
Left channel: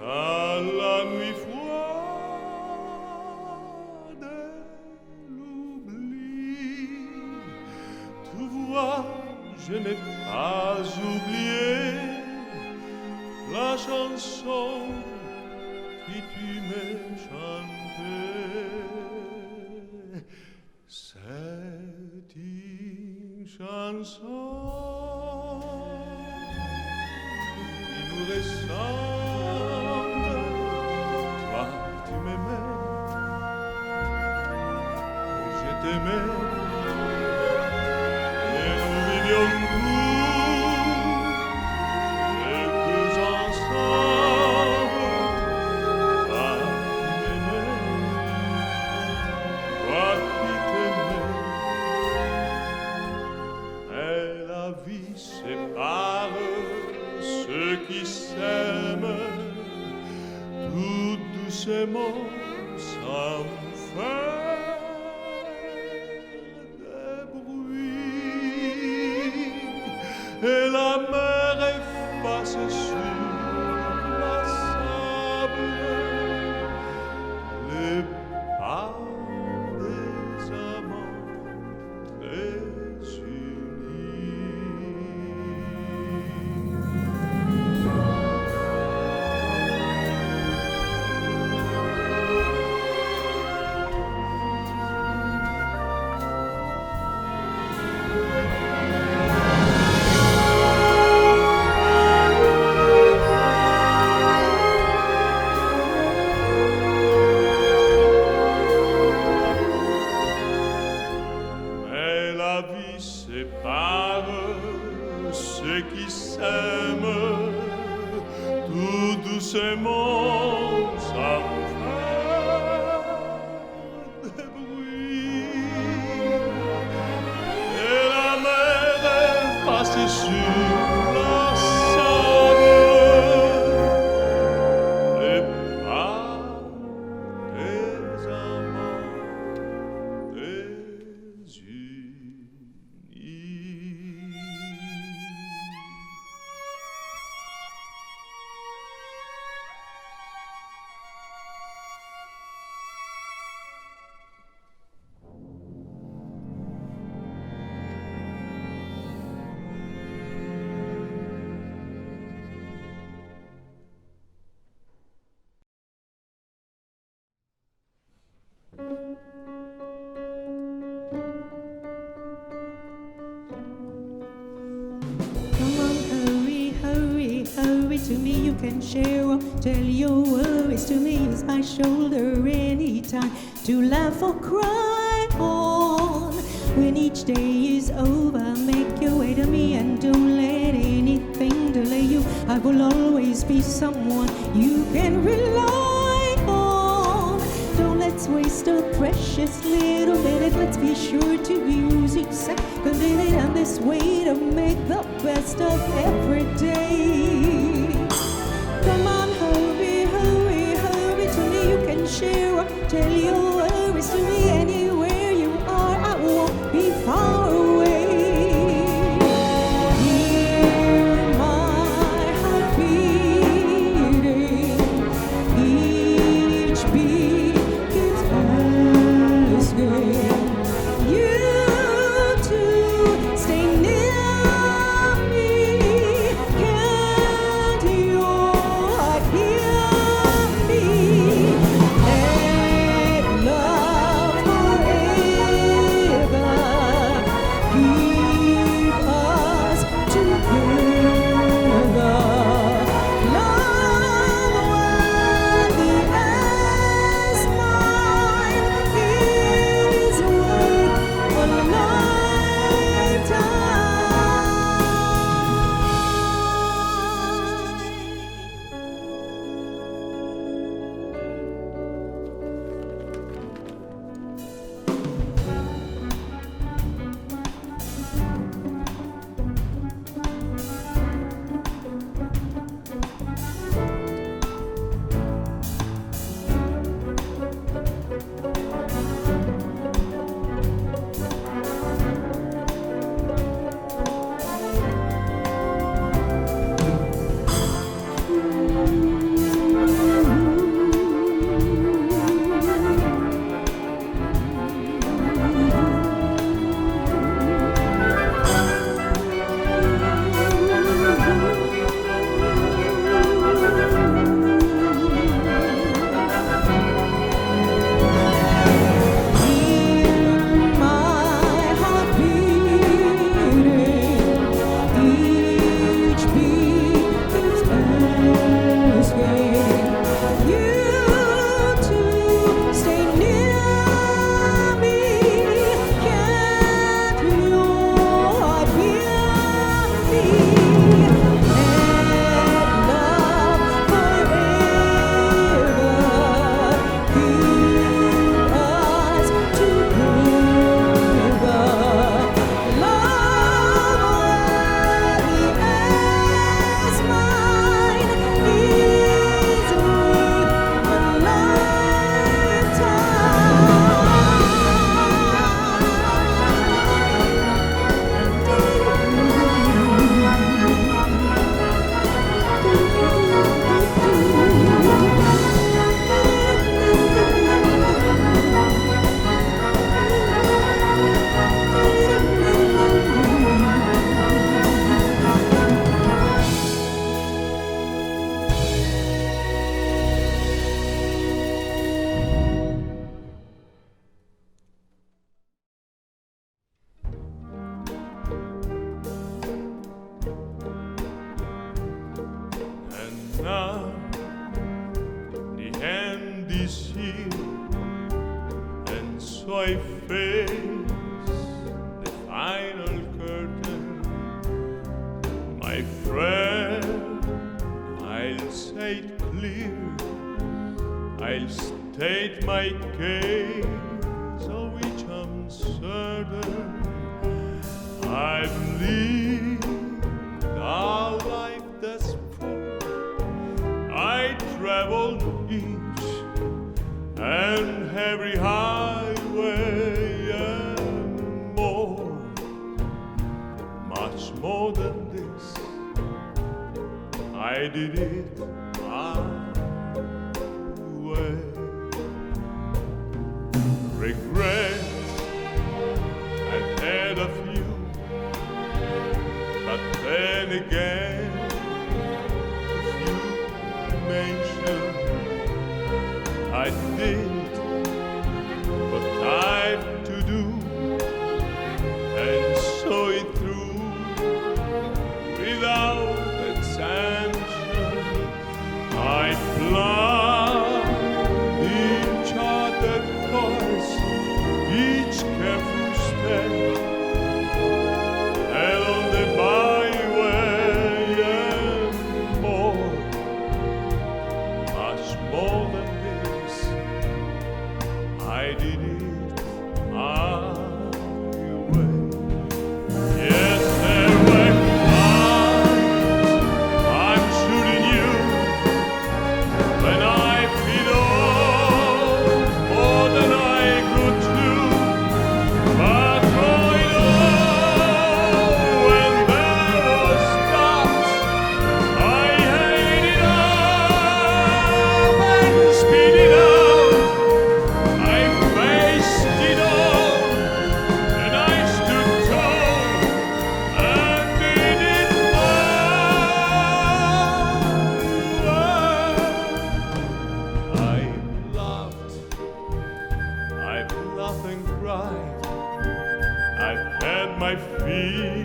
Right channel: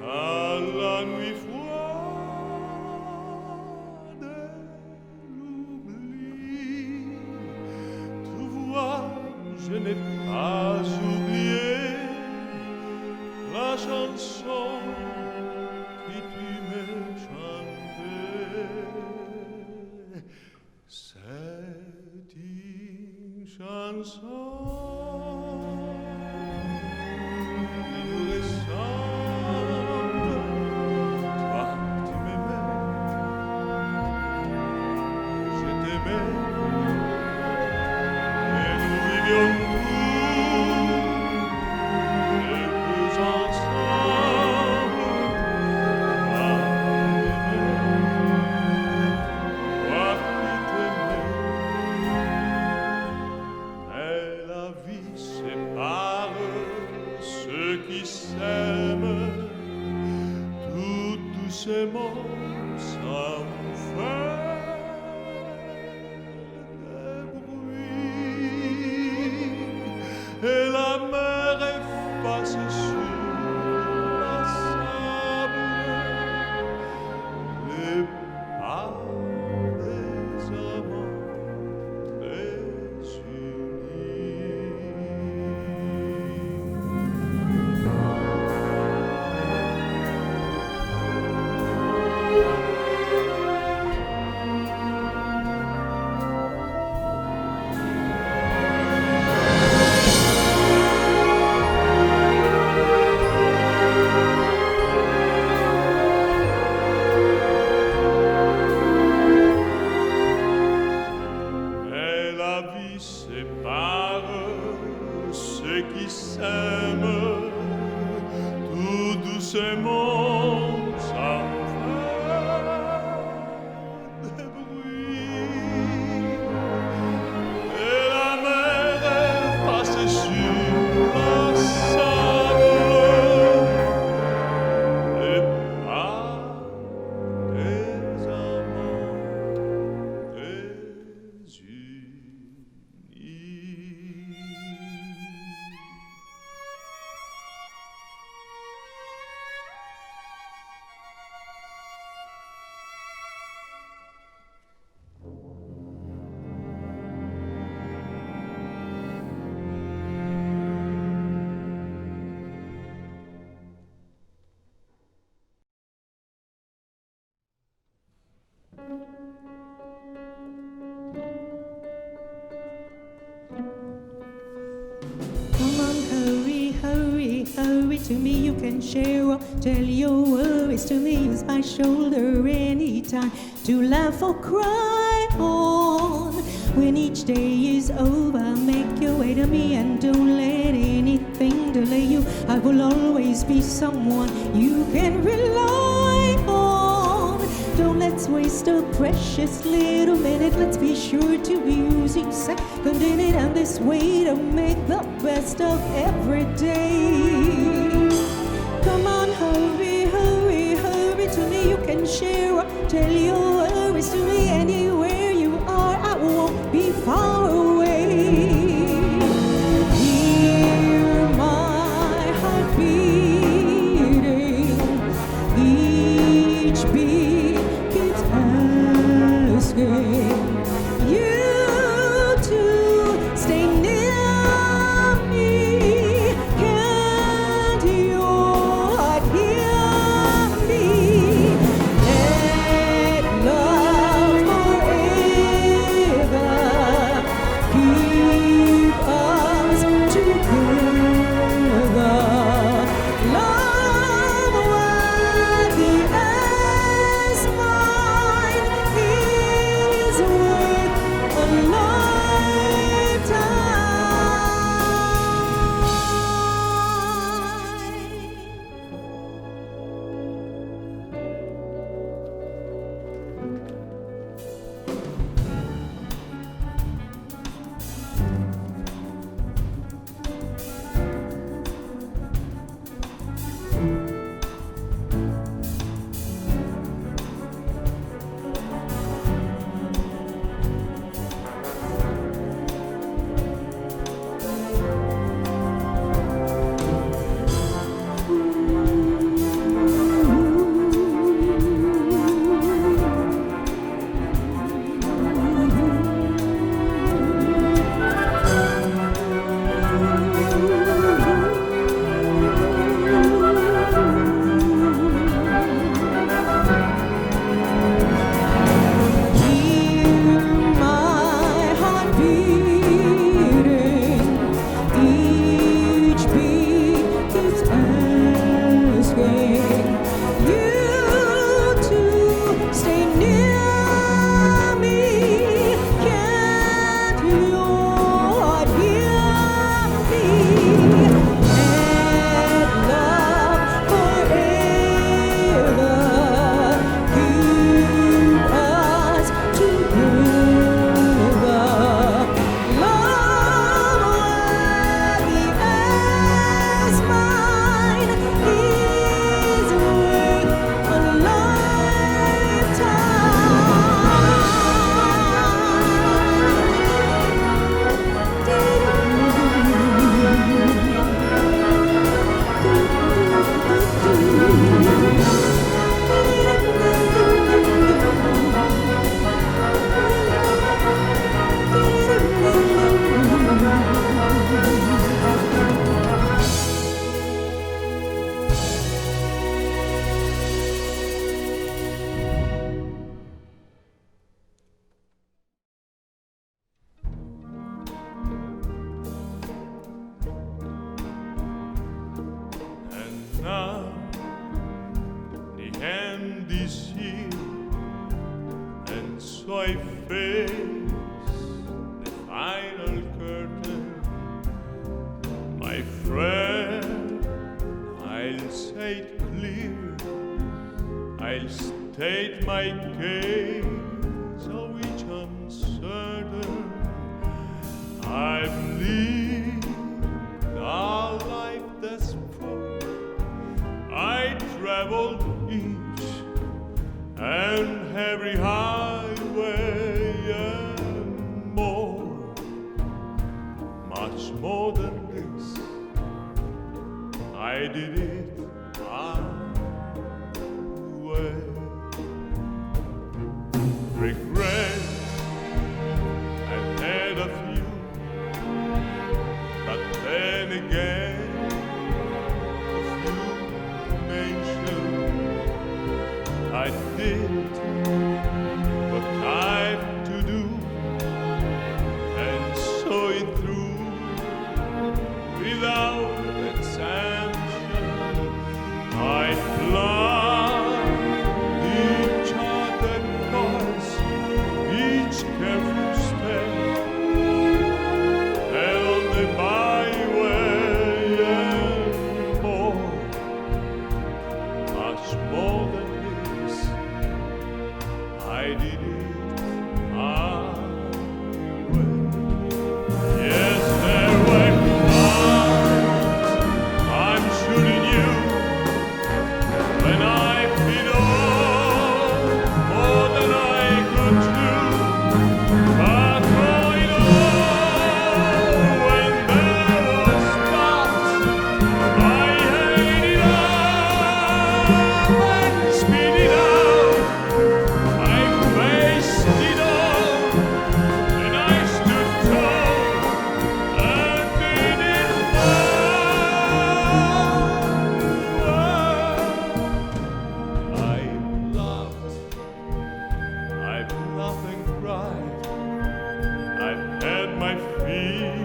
dans la nuit froide de l'oubli. Tu vois, je n'ai pas oublié la chanson que tu me chantais. C'est une chanson qui nous ressemble. Toi, tu m'aimais, je t'aimais, et nous vivions tous les deux ensemble. Toi, tu m'aimais, toi qui t'aimais, mais la vie sépare ceux qui s'aiment tout doucement sans faire de bruit, et la mer efface sur la sable les pas des amants mais la vie sépare ceux qui s'aiment tout doucement sans faire de bruit, et la mer efface sur la sable les pas des amants désunis. Come on, hurry, hurry, hurry to me, you can share or tell your worries to me. Use my shoulder anytime to laugh or cry on. When each day is over, make your way to me and don't let anything delay you. I will always be someone you can rely on. Don't let's waste a precious little minute. Let's be sure to use each second in it, and this way to make the best of every day. Come on, hurry, hurry, hurry to me. You can share or tell your worries to me. Anywhere you are, I won't be far away. Hear my heart beating. Each beat keeps asking you to stay near me. Can't your heart hear me? Let love forever so I face the final curtain. My friend, I'll say it clear, I'll state my case, of which I'm certain. I've lived a life that's full. I traveled each and every highway and more, much more than this. I did it my way. Regrets, I've had a few, but then again, a few mentioned. I did what I've to do and saw it through without exemption. I planned each other course, each careful step, and on the byway and more, much more than this. I did it my way. Yes, there were times I'm sure you knew when I bid all more than I could do. But through it all, when there was doubts, I held it up and spit it out. I faced it all, and I stood tall and did it I've laughed and cried, I've had my fill,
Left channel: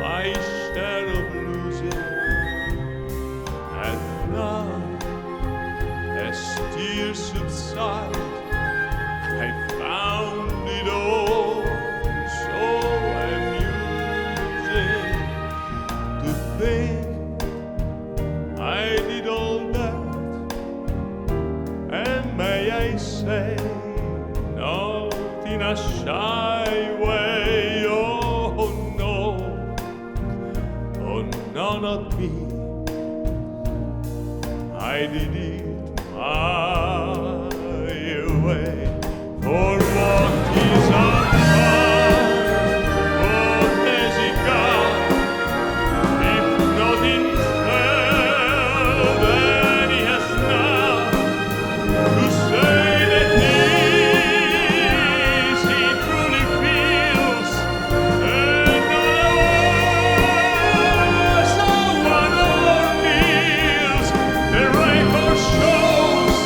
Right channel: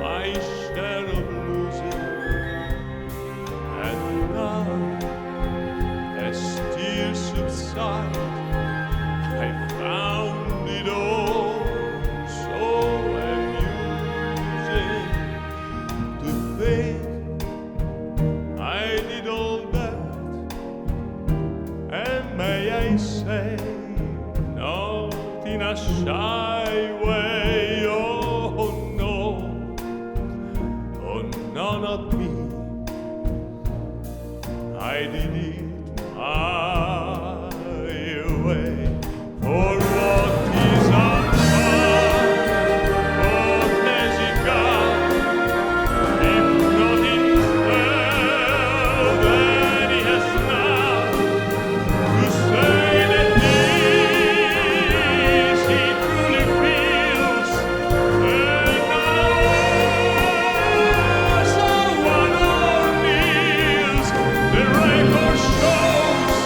my share of losing, and now, as tears subside, I found it all so amusing to think I did all that, and may I say, not in a shy way, oh no, not me. I did it my way. For what is a man? What has he got? If not himself, then he has now to say the things he truly feels, and not someone or kneels. The record shows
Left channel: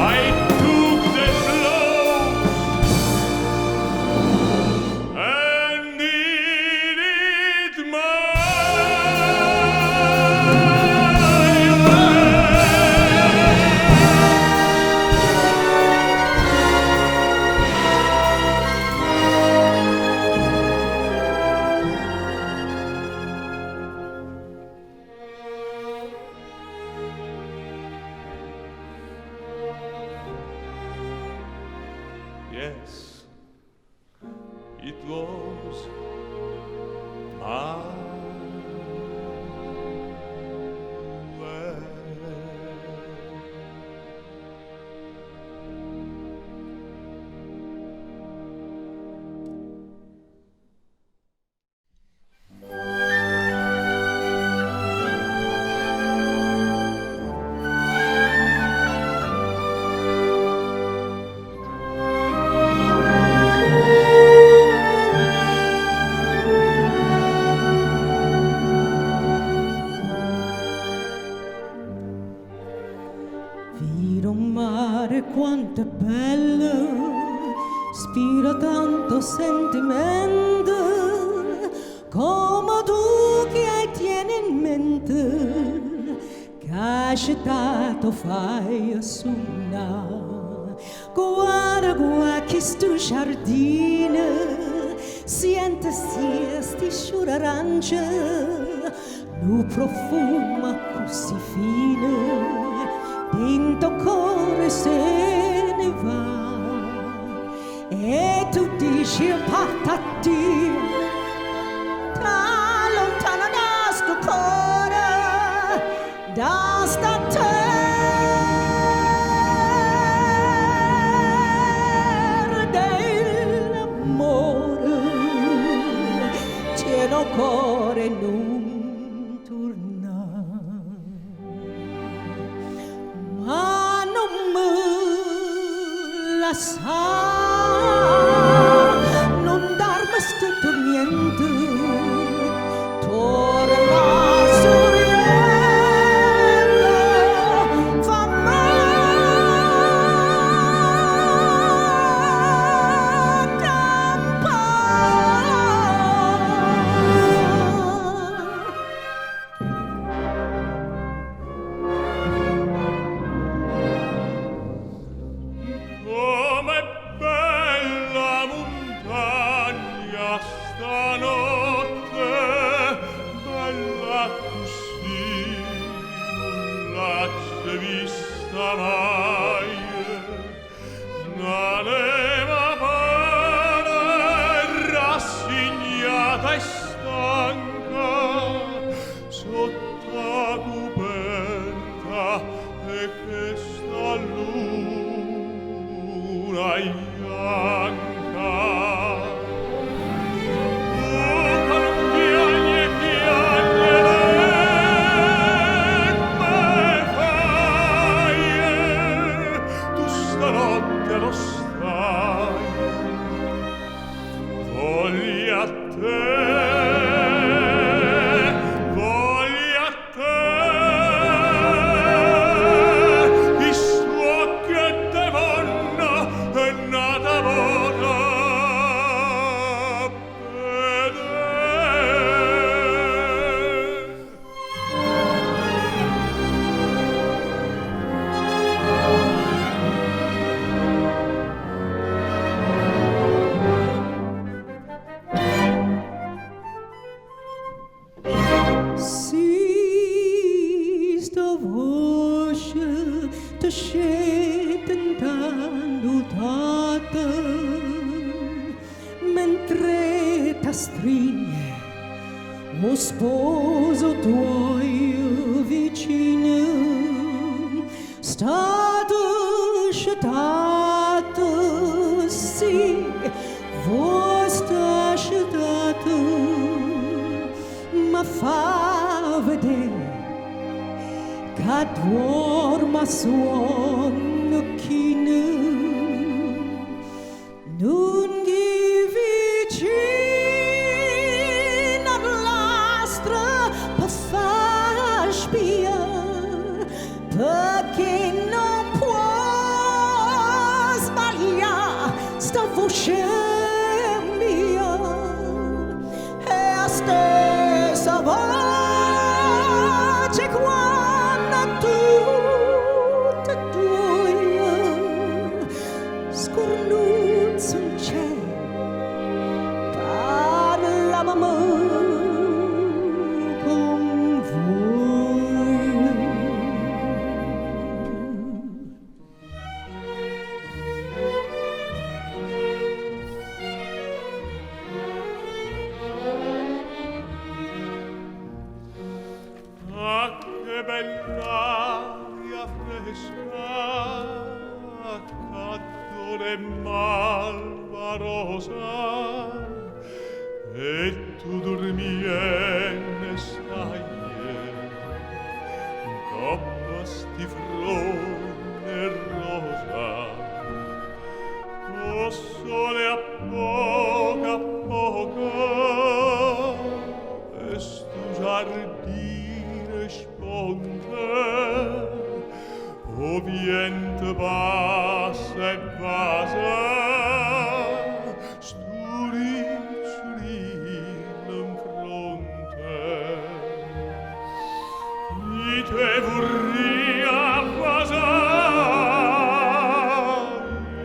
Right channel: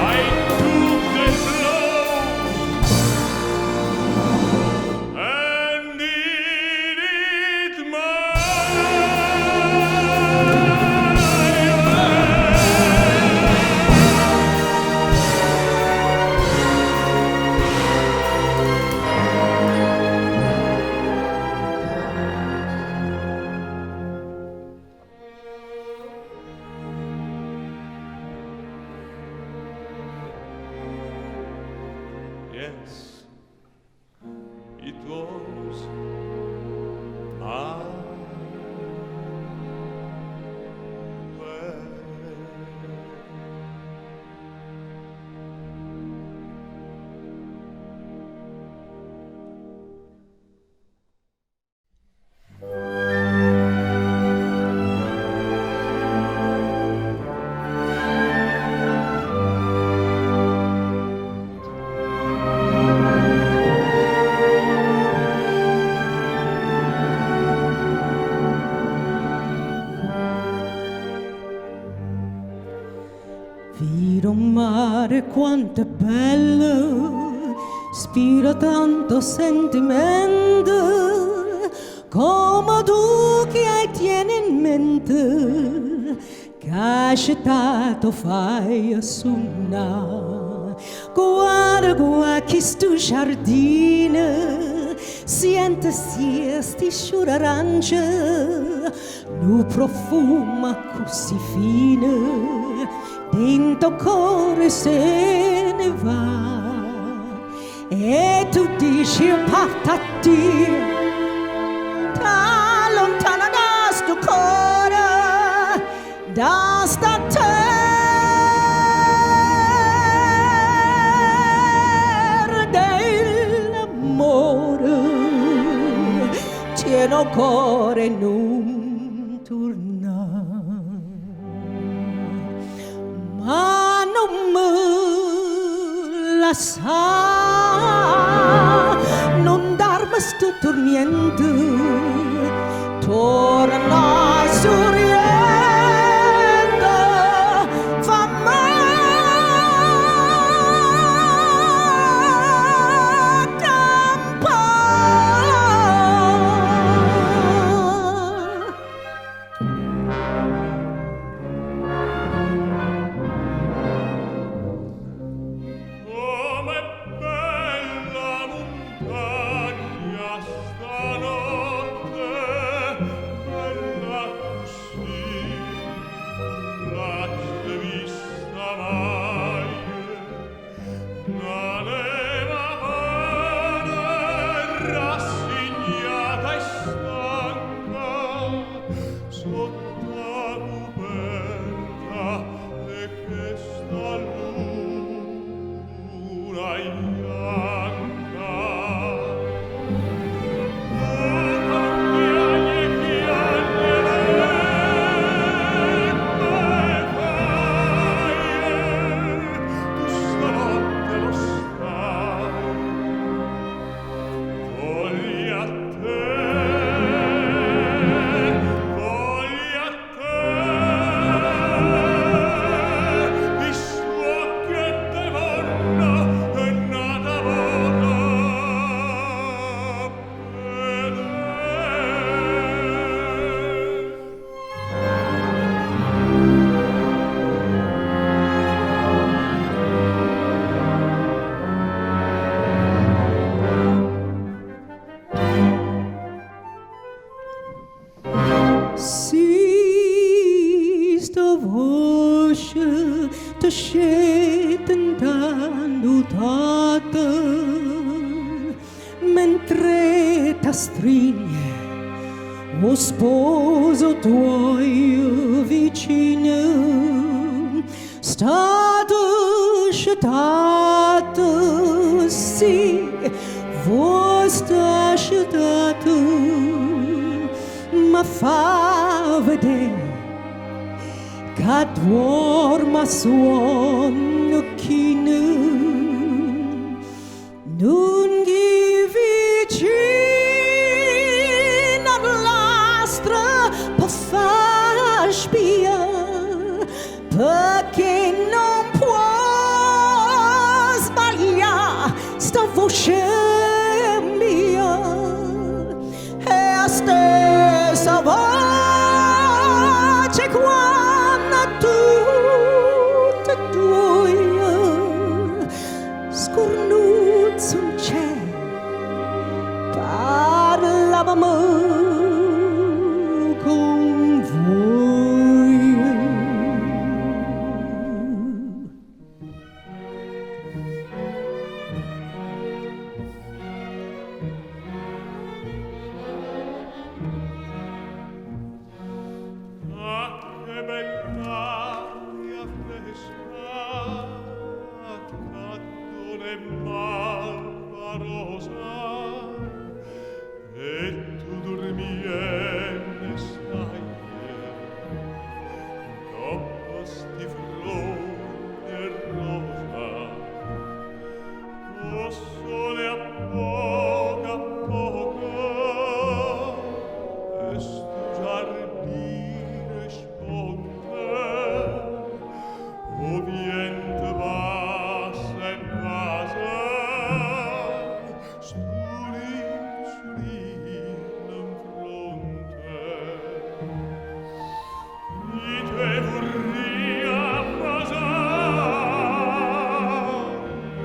I took the blows and did it my way. Yes, it was my way. Viro mare quanto è bello, spiro tanto sentimento, come tu che hai tieni in mente, che hai accettato fai a suonare, guarda questo giardino, sente sti sciure arance, nu profuma così fine, dentro cuore se ne va. E tu dici partati, ta lontana da sto cuore, da sta terra dell'amore, pieno cuore non torna, ma non me la sa. Non darmi sto tormento, torna sorriendo, fa mentre t'astringe o sposo tuo vicino, stato scettato, sì, voi sta scettato, ma fa vedere che dorma suon chino. Non gli vicino all'astra per far spia, perché non può sbagliare sta voce mia, è la stessa voce quando tutte e due scornuzzo non c'è, parlavamo con voi. Ah, che bell'aria fresca, cattone malva rosa, e tu dormienne stai, coppa sti fronte rosa, o sole a poco, e stu giardine sponte, o vient bassa e basa, sturicciolino in fronte, i te vorria basar, i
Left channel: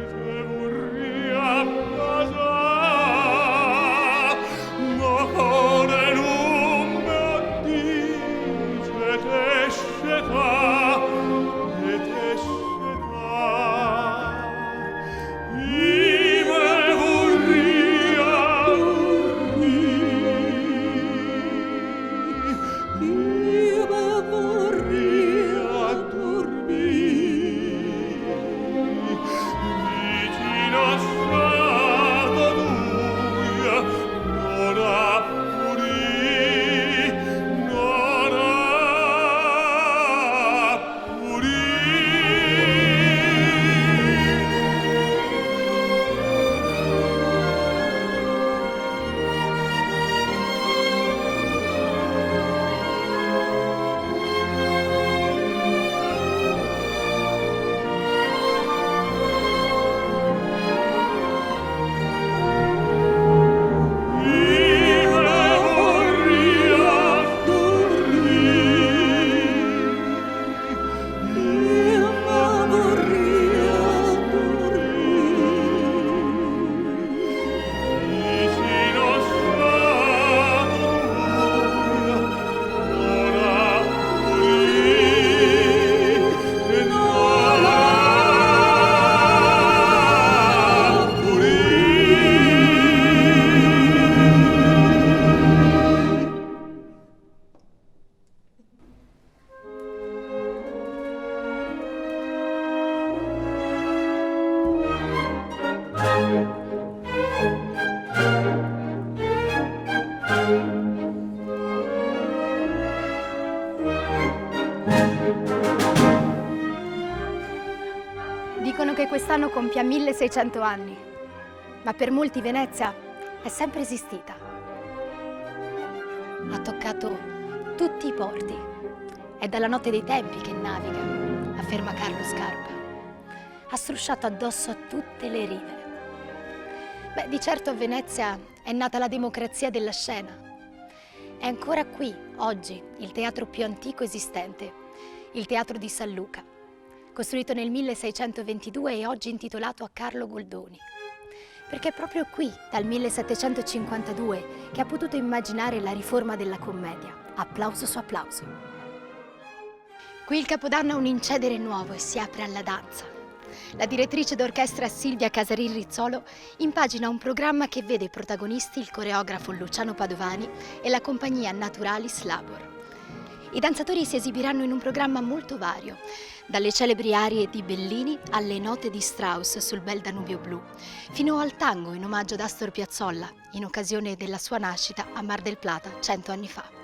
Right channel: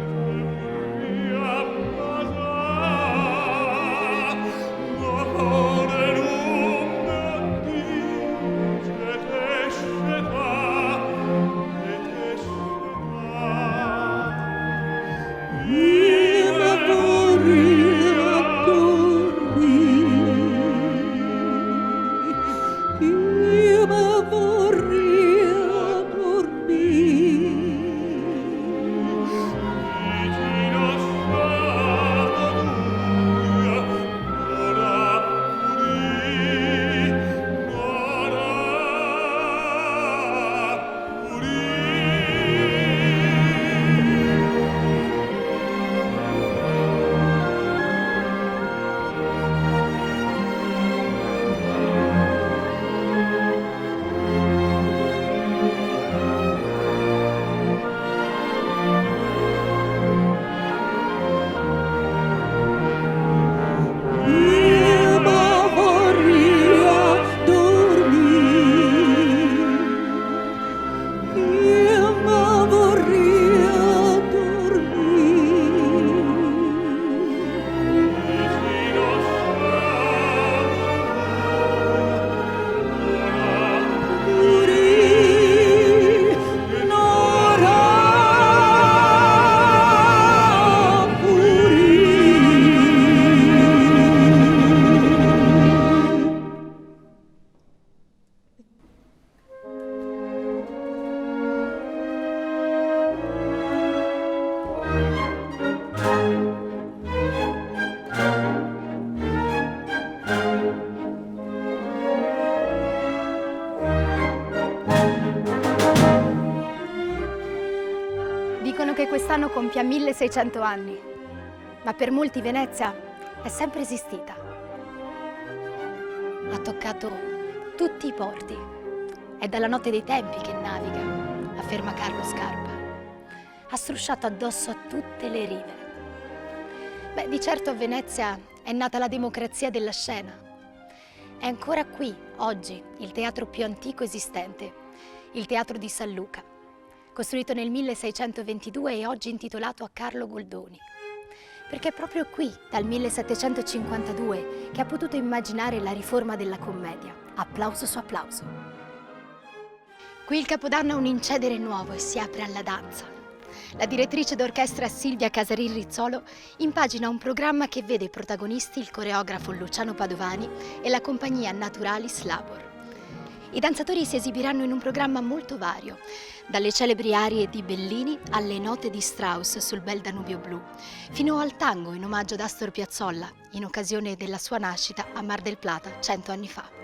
quest'anno compia 1600 anni, ma per molti Venezia è sempre esistita. Ha toccato tutti i porti. È dalla notte dei tempi che naviga, afferma Carlo Scarpa. Ha strusciato addosso a tutte le rive. Beh, di certo a Venezia è nata la democrazia della scena. È ancora qui, oggi, il teatro più antico esistente, il Teatro di San Luca, costruito nel 1622 e oggi intitolato a Carlo Goldoni. Perché è proprio qui, dal 1752, che ha potuto immaginare la riforma della commedia. Applauso su applauso. Qui il Capodanno ha un incedere nuovo e si apre alla danza. La direttrice d'orchestra Silvia Casarin Rizzolo impagina un programma che vede protagonisti il coreografo Luciano Padovani e la compagnia Naturalis Labor. I danzatori si esibiranno in un programma molto vario, dalle celebri arie di Bellini alle note di Strauss sul bel Danubio blu, fino al tango in omaggio ad Astor Piazzolla, in occasione della sua nascita a Mar del Plata 100 anni fa.